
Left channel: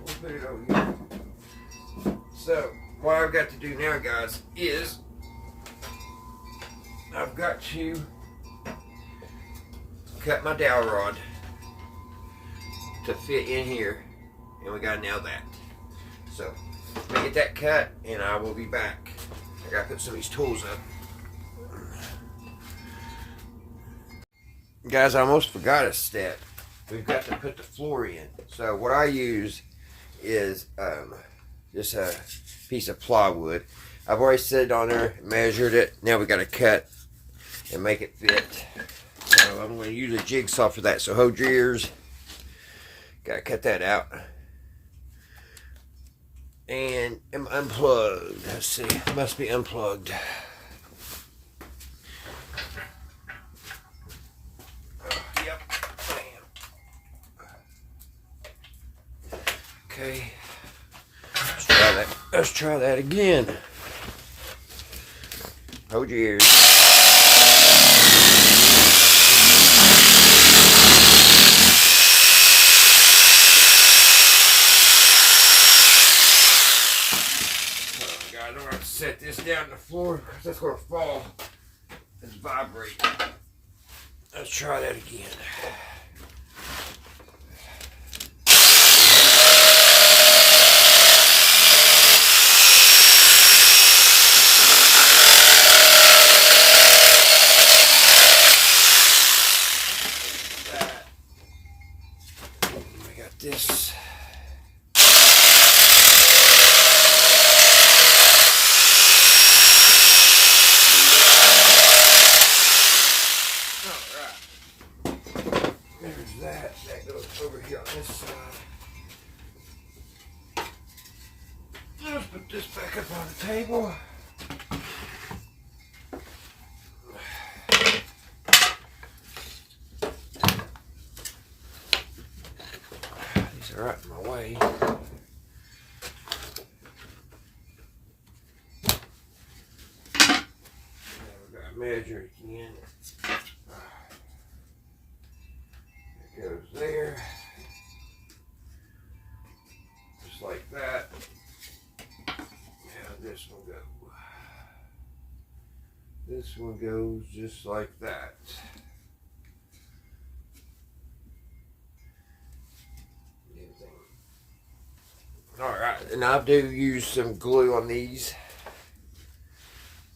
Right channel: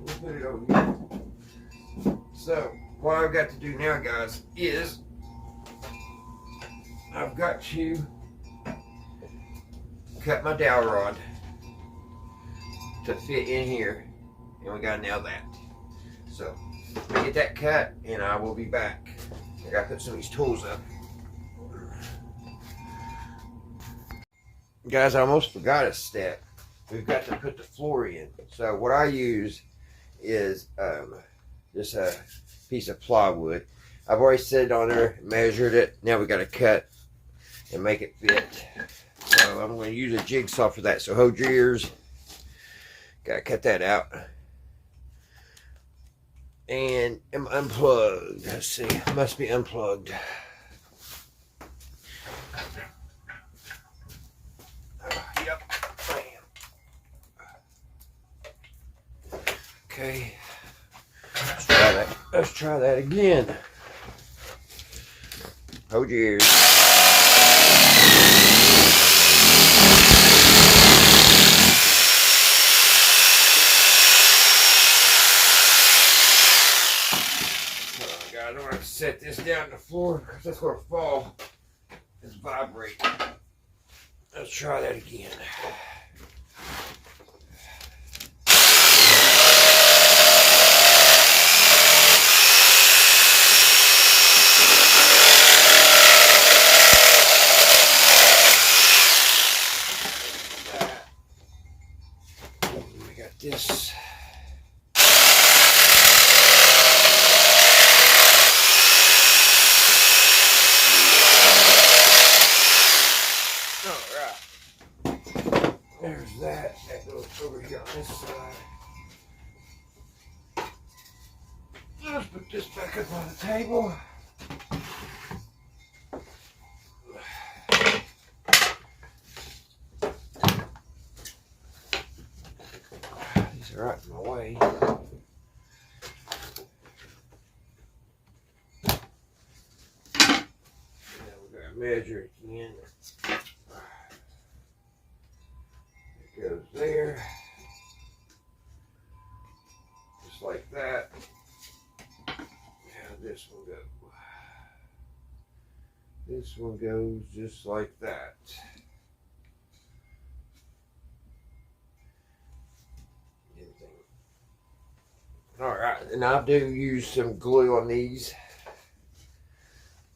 We'll put it over here. So, what I've got to do now, guys, is I've got to cut my dowel rod to fit in here, and we got to nail that. So, I get that cut, and I will be back. I gotta put some of these tools up. Guys, I almost forgot a step. We've got to put the floor in. So what I use is just a piece of plywood. I've already set it on there, measured it. Now we got to cut and make it fit. So I'm going to use a jigsaw for that. So hold your ears. Got to cut that out. And am unplugged. Let's see, it must be unplugged. Yep, bam. Okay, let's try that. Let's try that again. Hold your ears. I don't want to set this down on the floor because that's going to fall. It's vibrating. Let's try that again. We got this. put this back up on the table. These are out of my way. Now we gotta measure again. It goes there. Just like that. Now this one goes. This one goes just like that. Alright, and I do use some glue on these.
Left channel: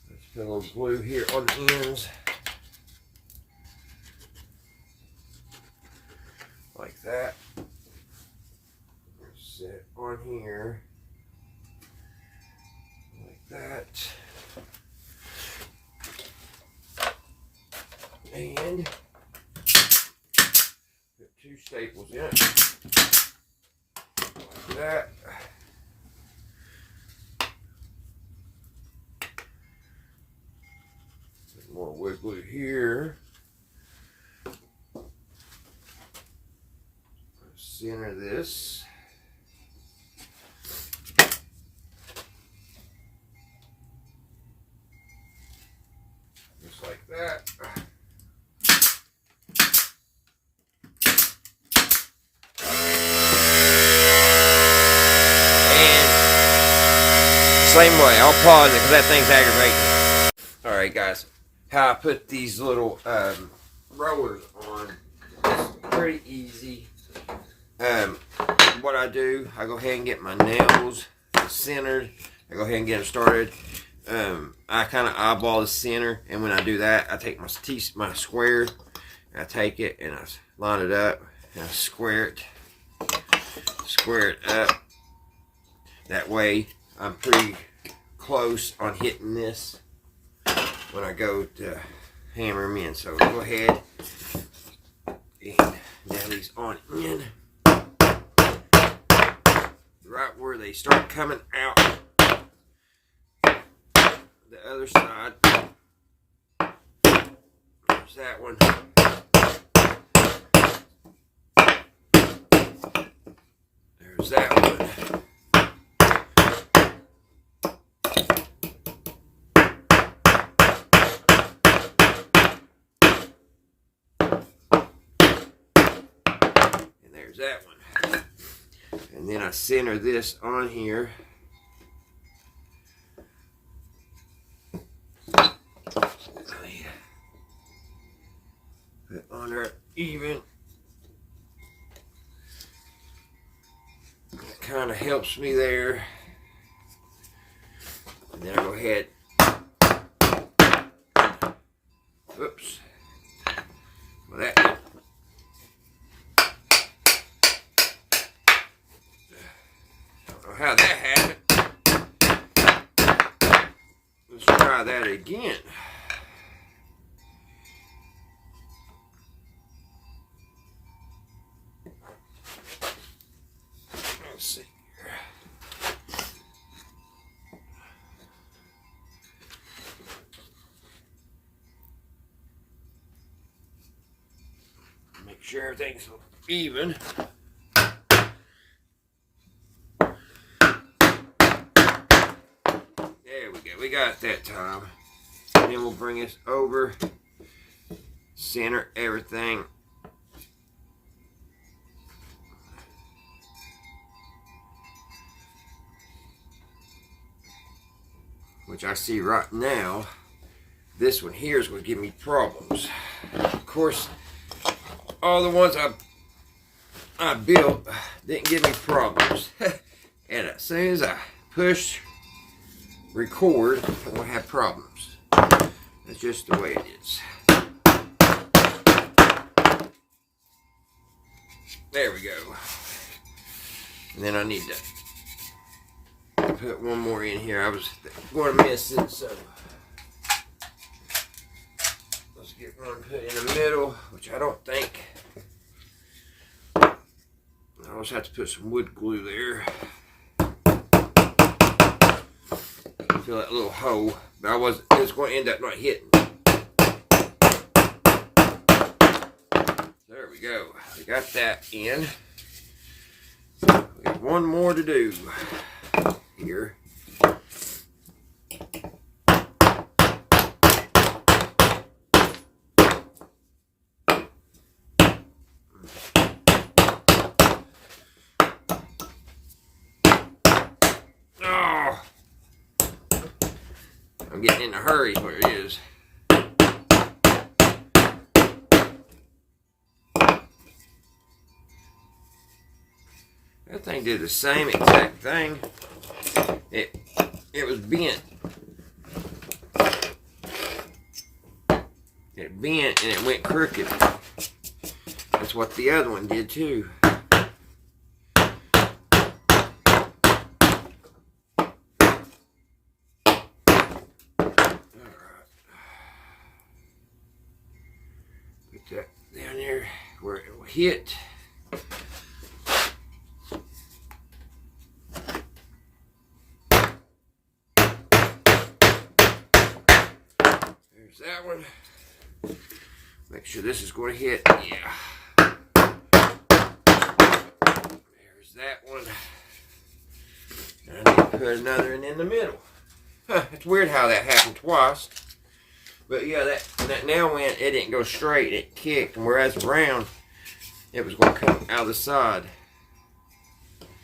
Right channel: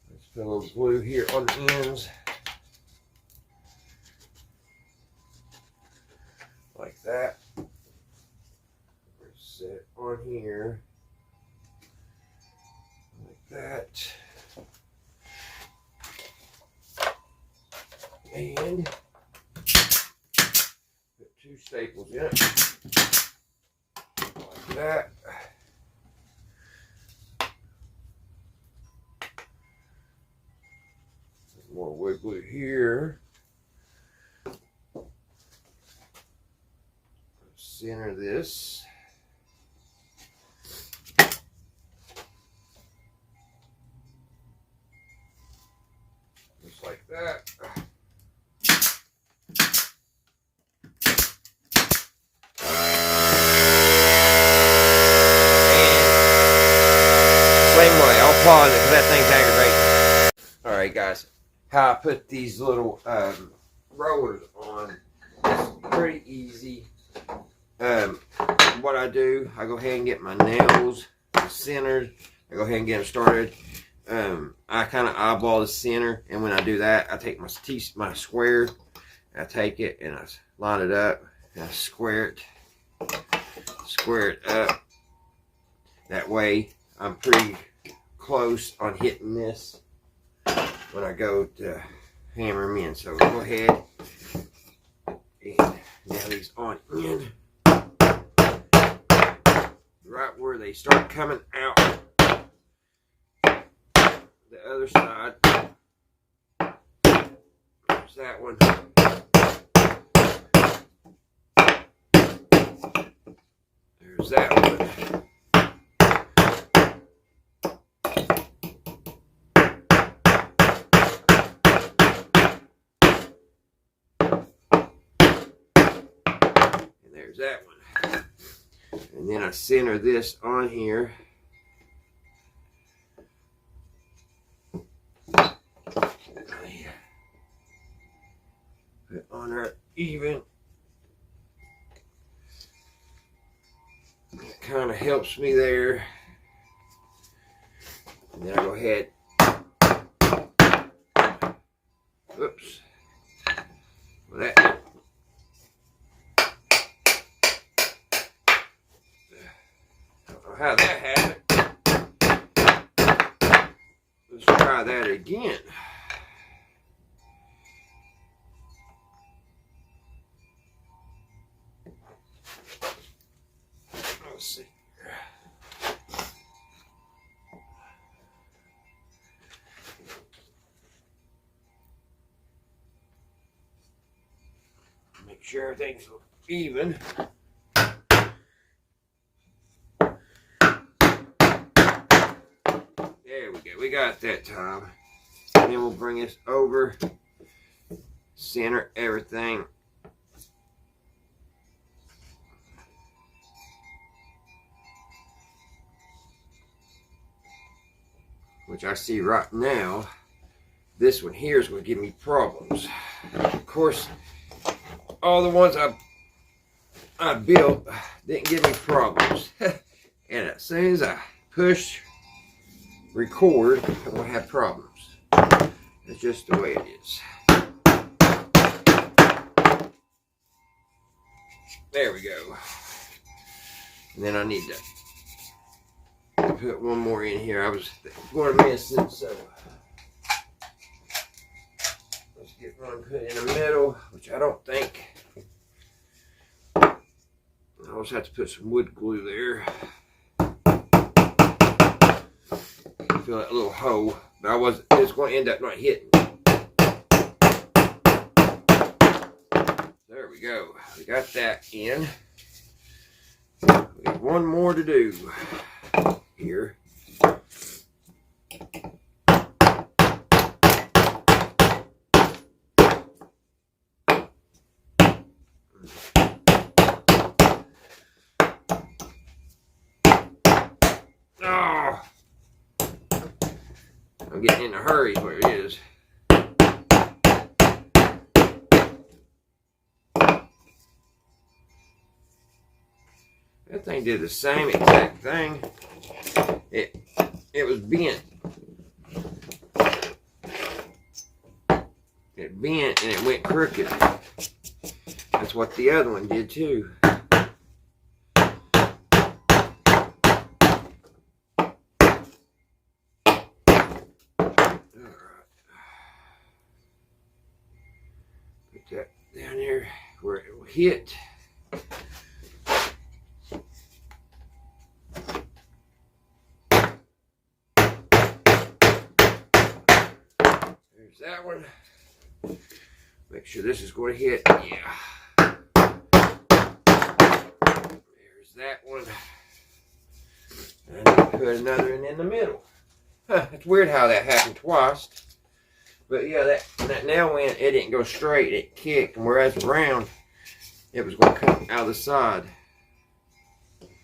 Let's put a little glue here on the ends. Like that. Set on here. Like that. And put 2 staples in it. Like that. More wood glue here. Center this. Just like that. And same way, I'll pause it because that thing's aggravating. Alright guys, how I put these little rollers on is pretty easy. What I do, I go ahead and get my nails centered. I go ahead and get them started. I kind of eyeball the center, and when I do that, I take my square, I take it and I line it up, and I square it up. That way, I'm pretty close on hitting this when I go to hammer them in. So go ahead and nail these on in. Right where they start coming out the other side. There's that one. There's that one. And there's that one. And then I center this on here. Put on there even. It kind of helps me there. And then I'll go ahead. Oops. Well, that. How that happened. Let's try that again. Let's see here. Make sure everything's even. We got that time. And then we'll bring this over, center everything. Which I see right now, this one here is going to give me problems. Of course, all the ones I built didn't give me problems. And as soon as I push record, I'm going to have problems. That's just the way it is. There we go. And then I need to put one more in here. I was going to miss it, so let's get one put in the middle, which I don't think. I also have to put some wood glue there. Feel that little hole, but it's going to end up not hitting. There we go. We got that in. We got one more to do here. Oh, I'm getting in a hurry where it is. That thing did the same exact thing. It was bent. It bent and it went crooked. That's what the other one did too. Put that down there where it will hit. There's that one. Make sure this is going to hit. Yeah. There's that one. And I need to put another one in the middle. Huh, it's weird how that happened twice. But yeah, that nail went, it didn't go straight, it kicked, and whereas round, it was going to come out of the side.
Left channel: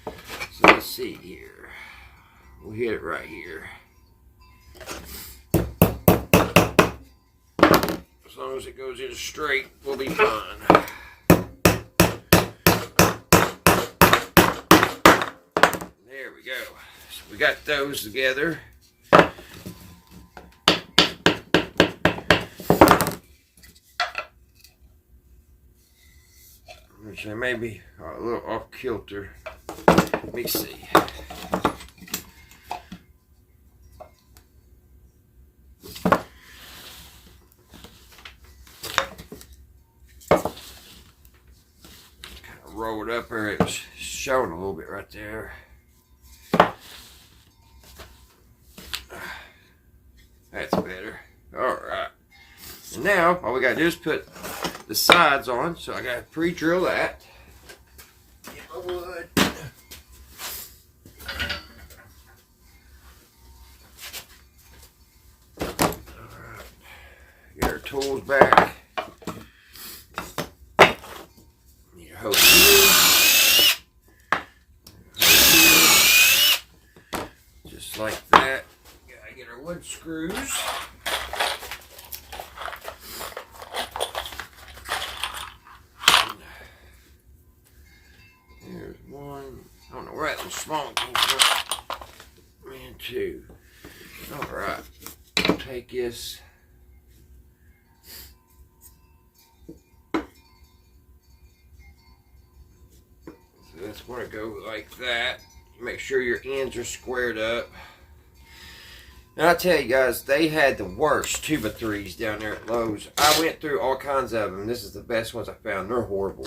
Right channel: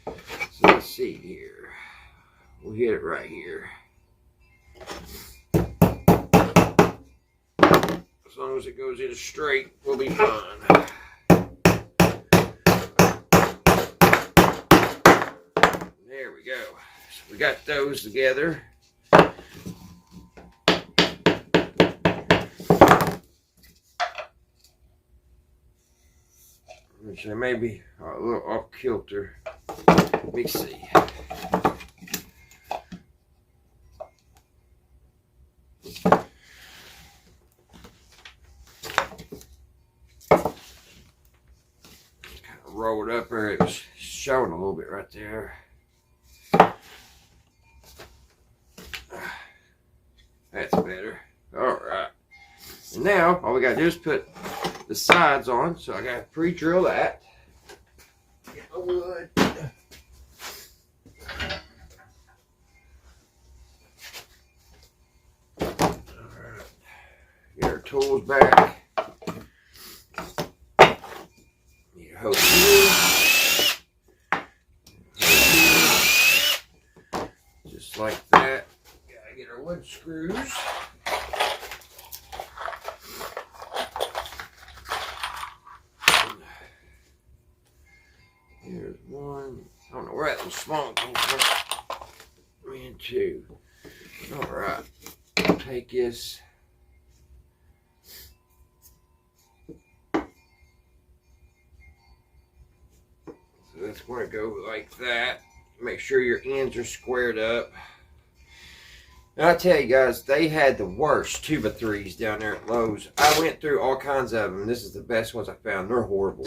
So let's see here. We'll hit it right here. As long as it goes in straight, we'll be fine. There we go. So we got those together. Which I may be a little off kilter. Let me see. Roll it up there. It's showing a little bit right there. That's better. Alright. And now all we gotta do is put the sides on. So I gotta pre-drill that. Get my wood. Alright. Get our tools back. Hose here. Just like that. Gotta get our wood screws. There's one. I don't know where that little small one came from. And two. Alright. Take this. That's going to go like that. Make sure your ends are squared up. Now I tell you guys, they had the worst 2x3s down there at Lowe's. I went through all kinds of them. This is the best ones I found. They're horrible.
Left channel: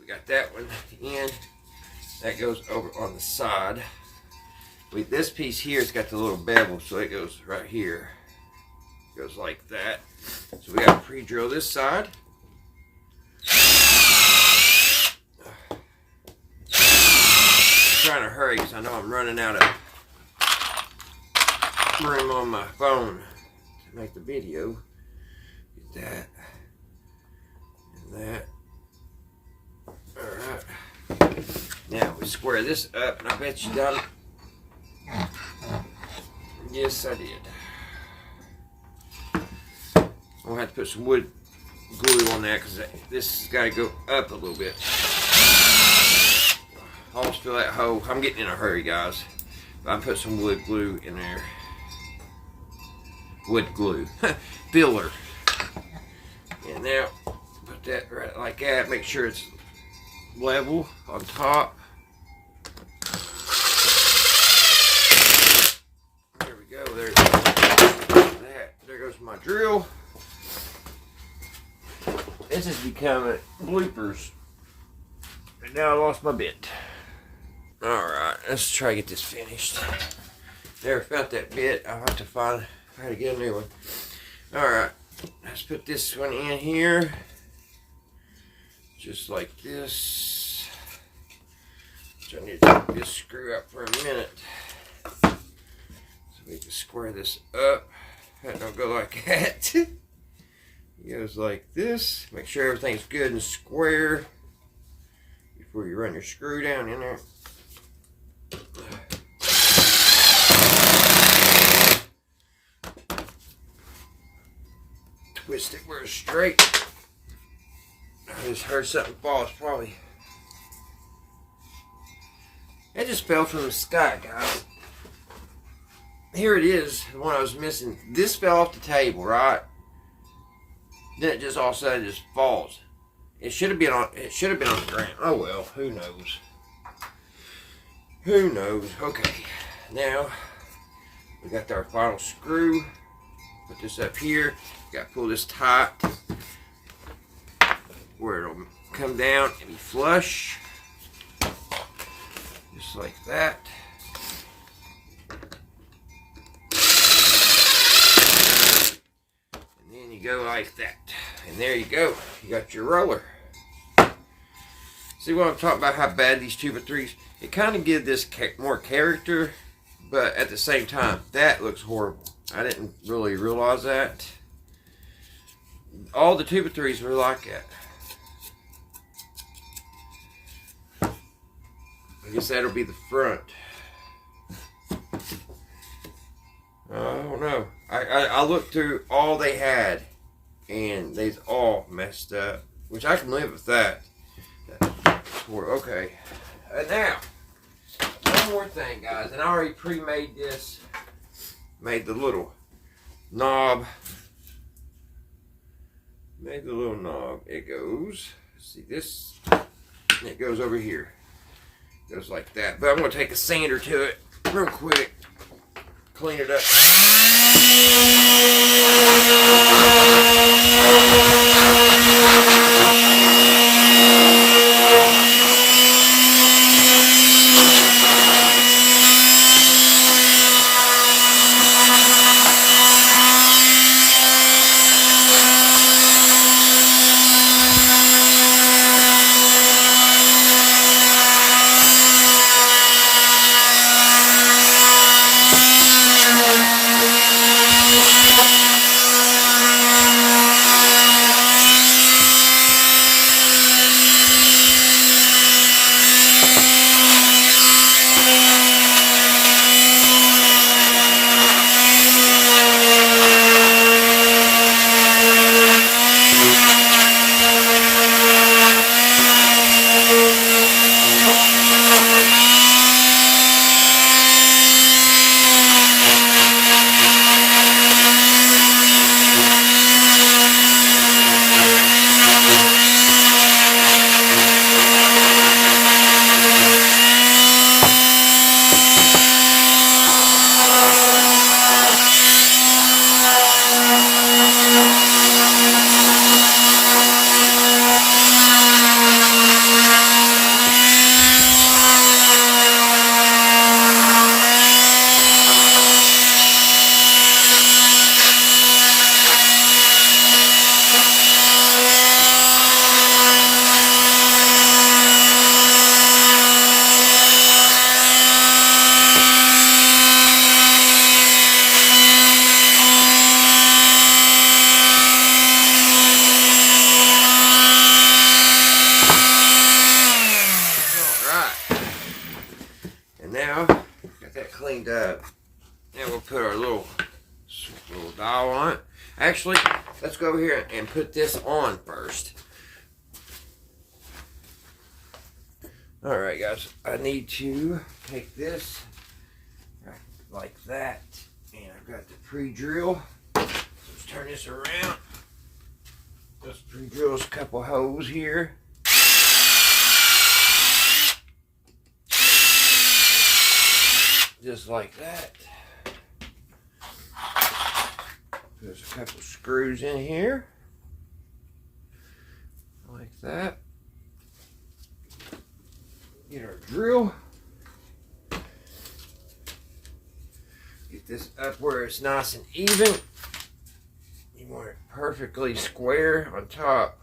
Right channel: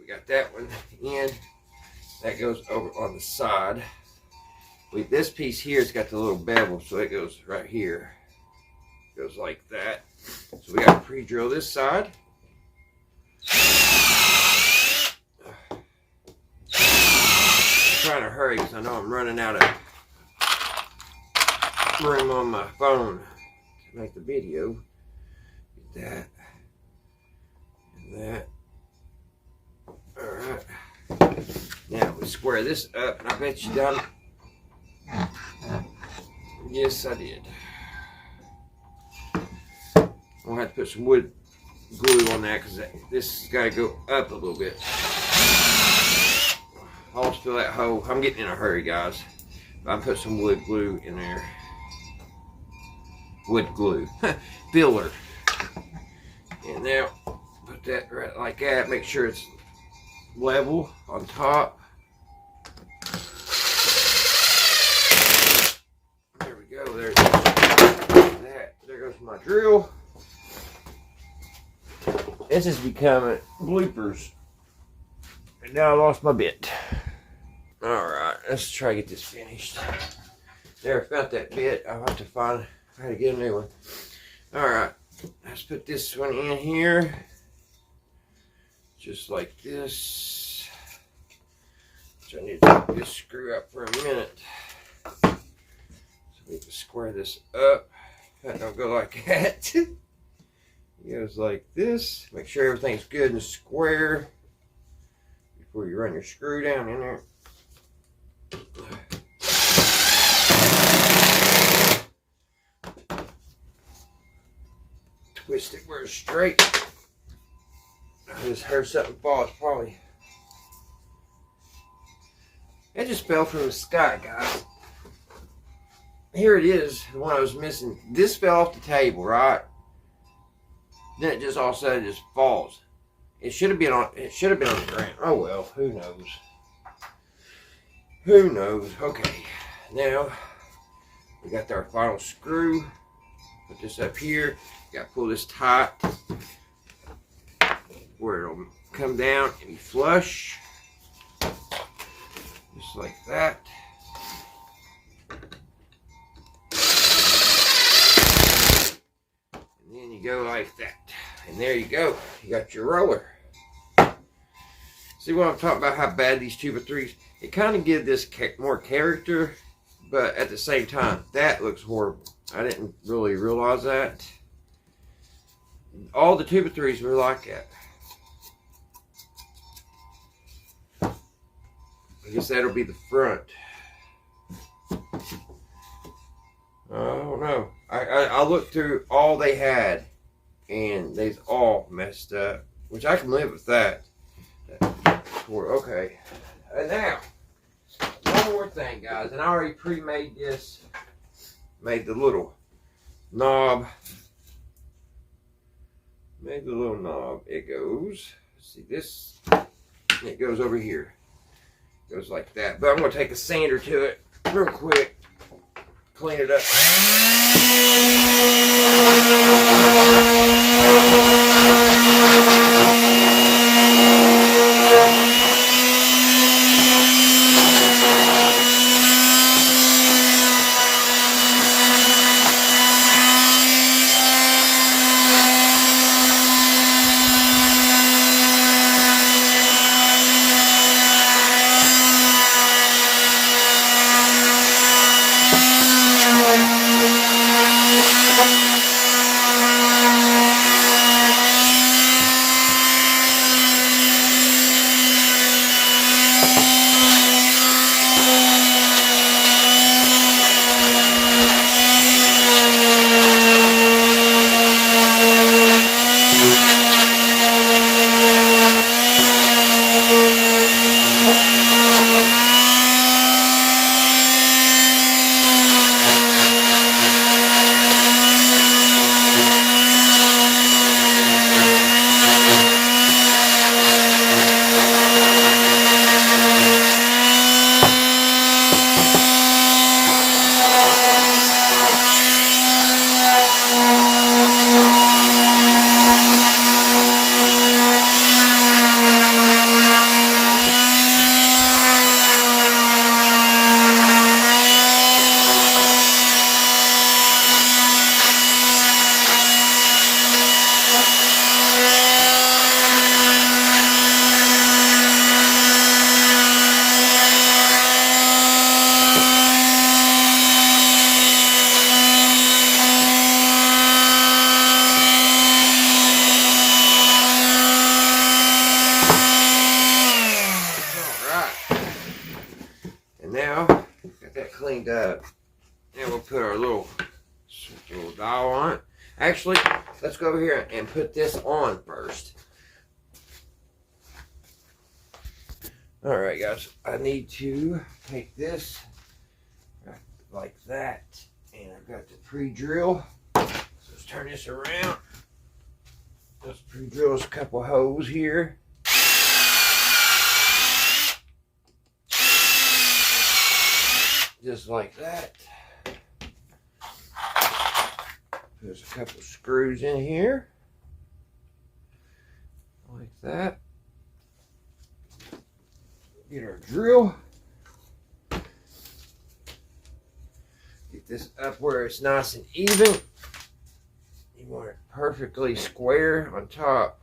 We got that one in. That goes over on the side. This piece here has got the little bevel, so it goes right here. It goes like that. So we got to pre-drill this side. Trying to hurry because I know I'm running out of room on my phone to make the video. Get that and that. Alright. Now we square this up, and I bet you done it. Yes, I did. I'm going to have to put some wood glue on that because this has got to go up a little bit. Always fill that hole. I'm getting in a hurry, guys. I put some wood glue in there. Wood glue. Filler. And now, put that right like that. Make sure it's level on top. There we go. There's that. There goes my drill. This is becoming bloopers. And now I lost my bit. Alright. let's try to get this finished. Never felt that bit. I'll have to find how to get a new one. Alright, let's put this one in here. Just like this. So I need to take this screw up for a minute. So we can square this up. That don't go like that. It goes like this. Make sure everything's good and square before you run your screw down in there. Twist it where it's straight. I just heard something fall. It's probably. It just fell from the sky, guys. Here it is, the one I was missing. This fell off the table, right? Then it just all of a sudden just falls. It should have been on. It should have been on the ground. Oh well, who knows? Who knows? Okay, now we got our final screw. Put this up here. Got to pull this tight where it'll come down and be flush, just like that. And then you go like that, and there you go. You got your roller. See what I'm talking about? How bad these 2x3s? It kind of gives this more character, but at the same time, that looks horrible. I didn't really realize that. All the 2x3s were like that. I guess that'll be the front. I don't know. I looked through all they had, and they's all messed up, which I can live with that. Okay. And now, one more thing, guys. And I already pre-made this. Made the little knob. Made the little knob. It goes, see this? And it goes over here. Goes like that. But I'm going to take a sander to it real quick. Clean it up. Now, got that cleaned up. Now we'll put our little dial on it. Actually, let's go over here and put this on first. Alright guys, I need to take this like that. And I've got the pre-drill. So let's turn this around. Let's pre-drill a couple holes here. Just like that. There's a couple screws in here. Like that. Get our drill. And this up where it's nice and even. You want it perfectly square on top.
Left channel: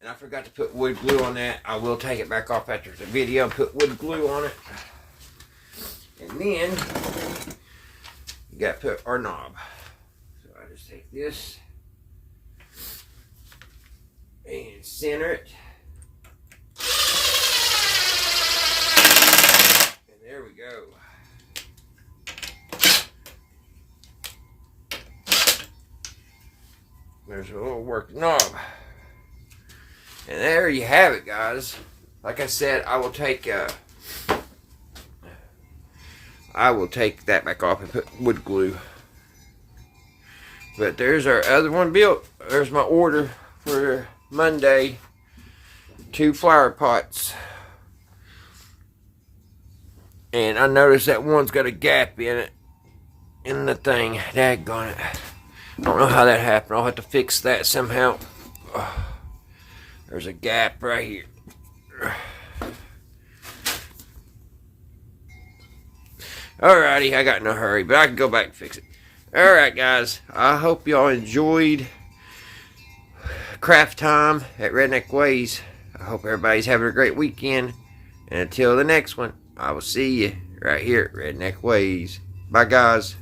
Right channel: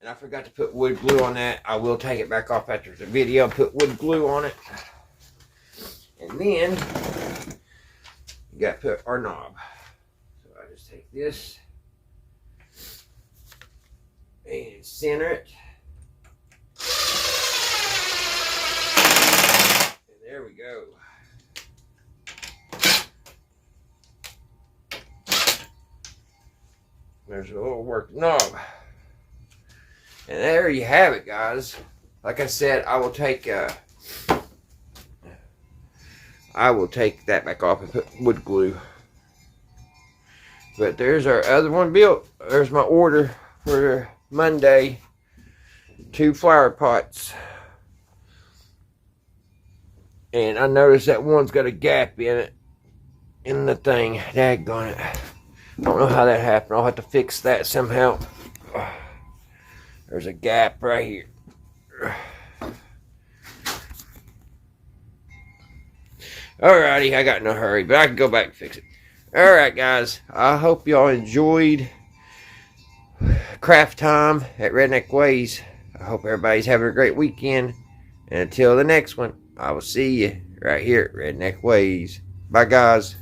And I forgot to put wood glue on that. I will take it back off after the video and put wood glue on it. And then you got to put our knob. So I just take this and center it. And there we go. There's a little work knob. And there you have it, guys. Like I said, I will take that back off and put wood glue. But there's our other one built. There's my order for Monday. 2 flower pots. And I noticed that one's got a gap in it. In the thing. Daggone it. I don't know how that happened. I'll have to fix that somehow. There's a gap right here. Alrighty, I got no hurry, but I can go back and fix it. Alright, guys. I hope y'all enjoyed craft time at Redneck Ways. I hope everybody's having a great weekend. And until the next one, I will see you right here at Redneck Ways. Bye, guys.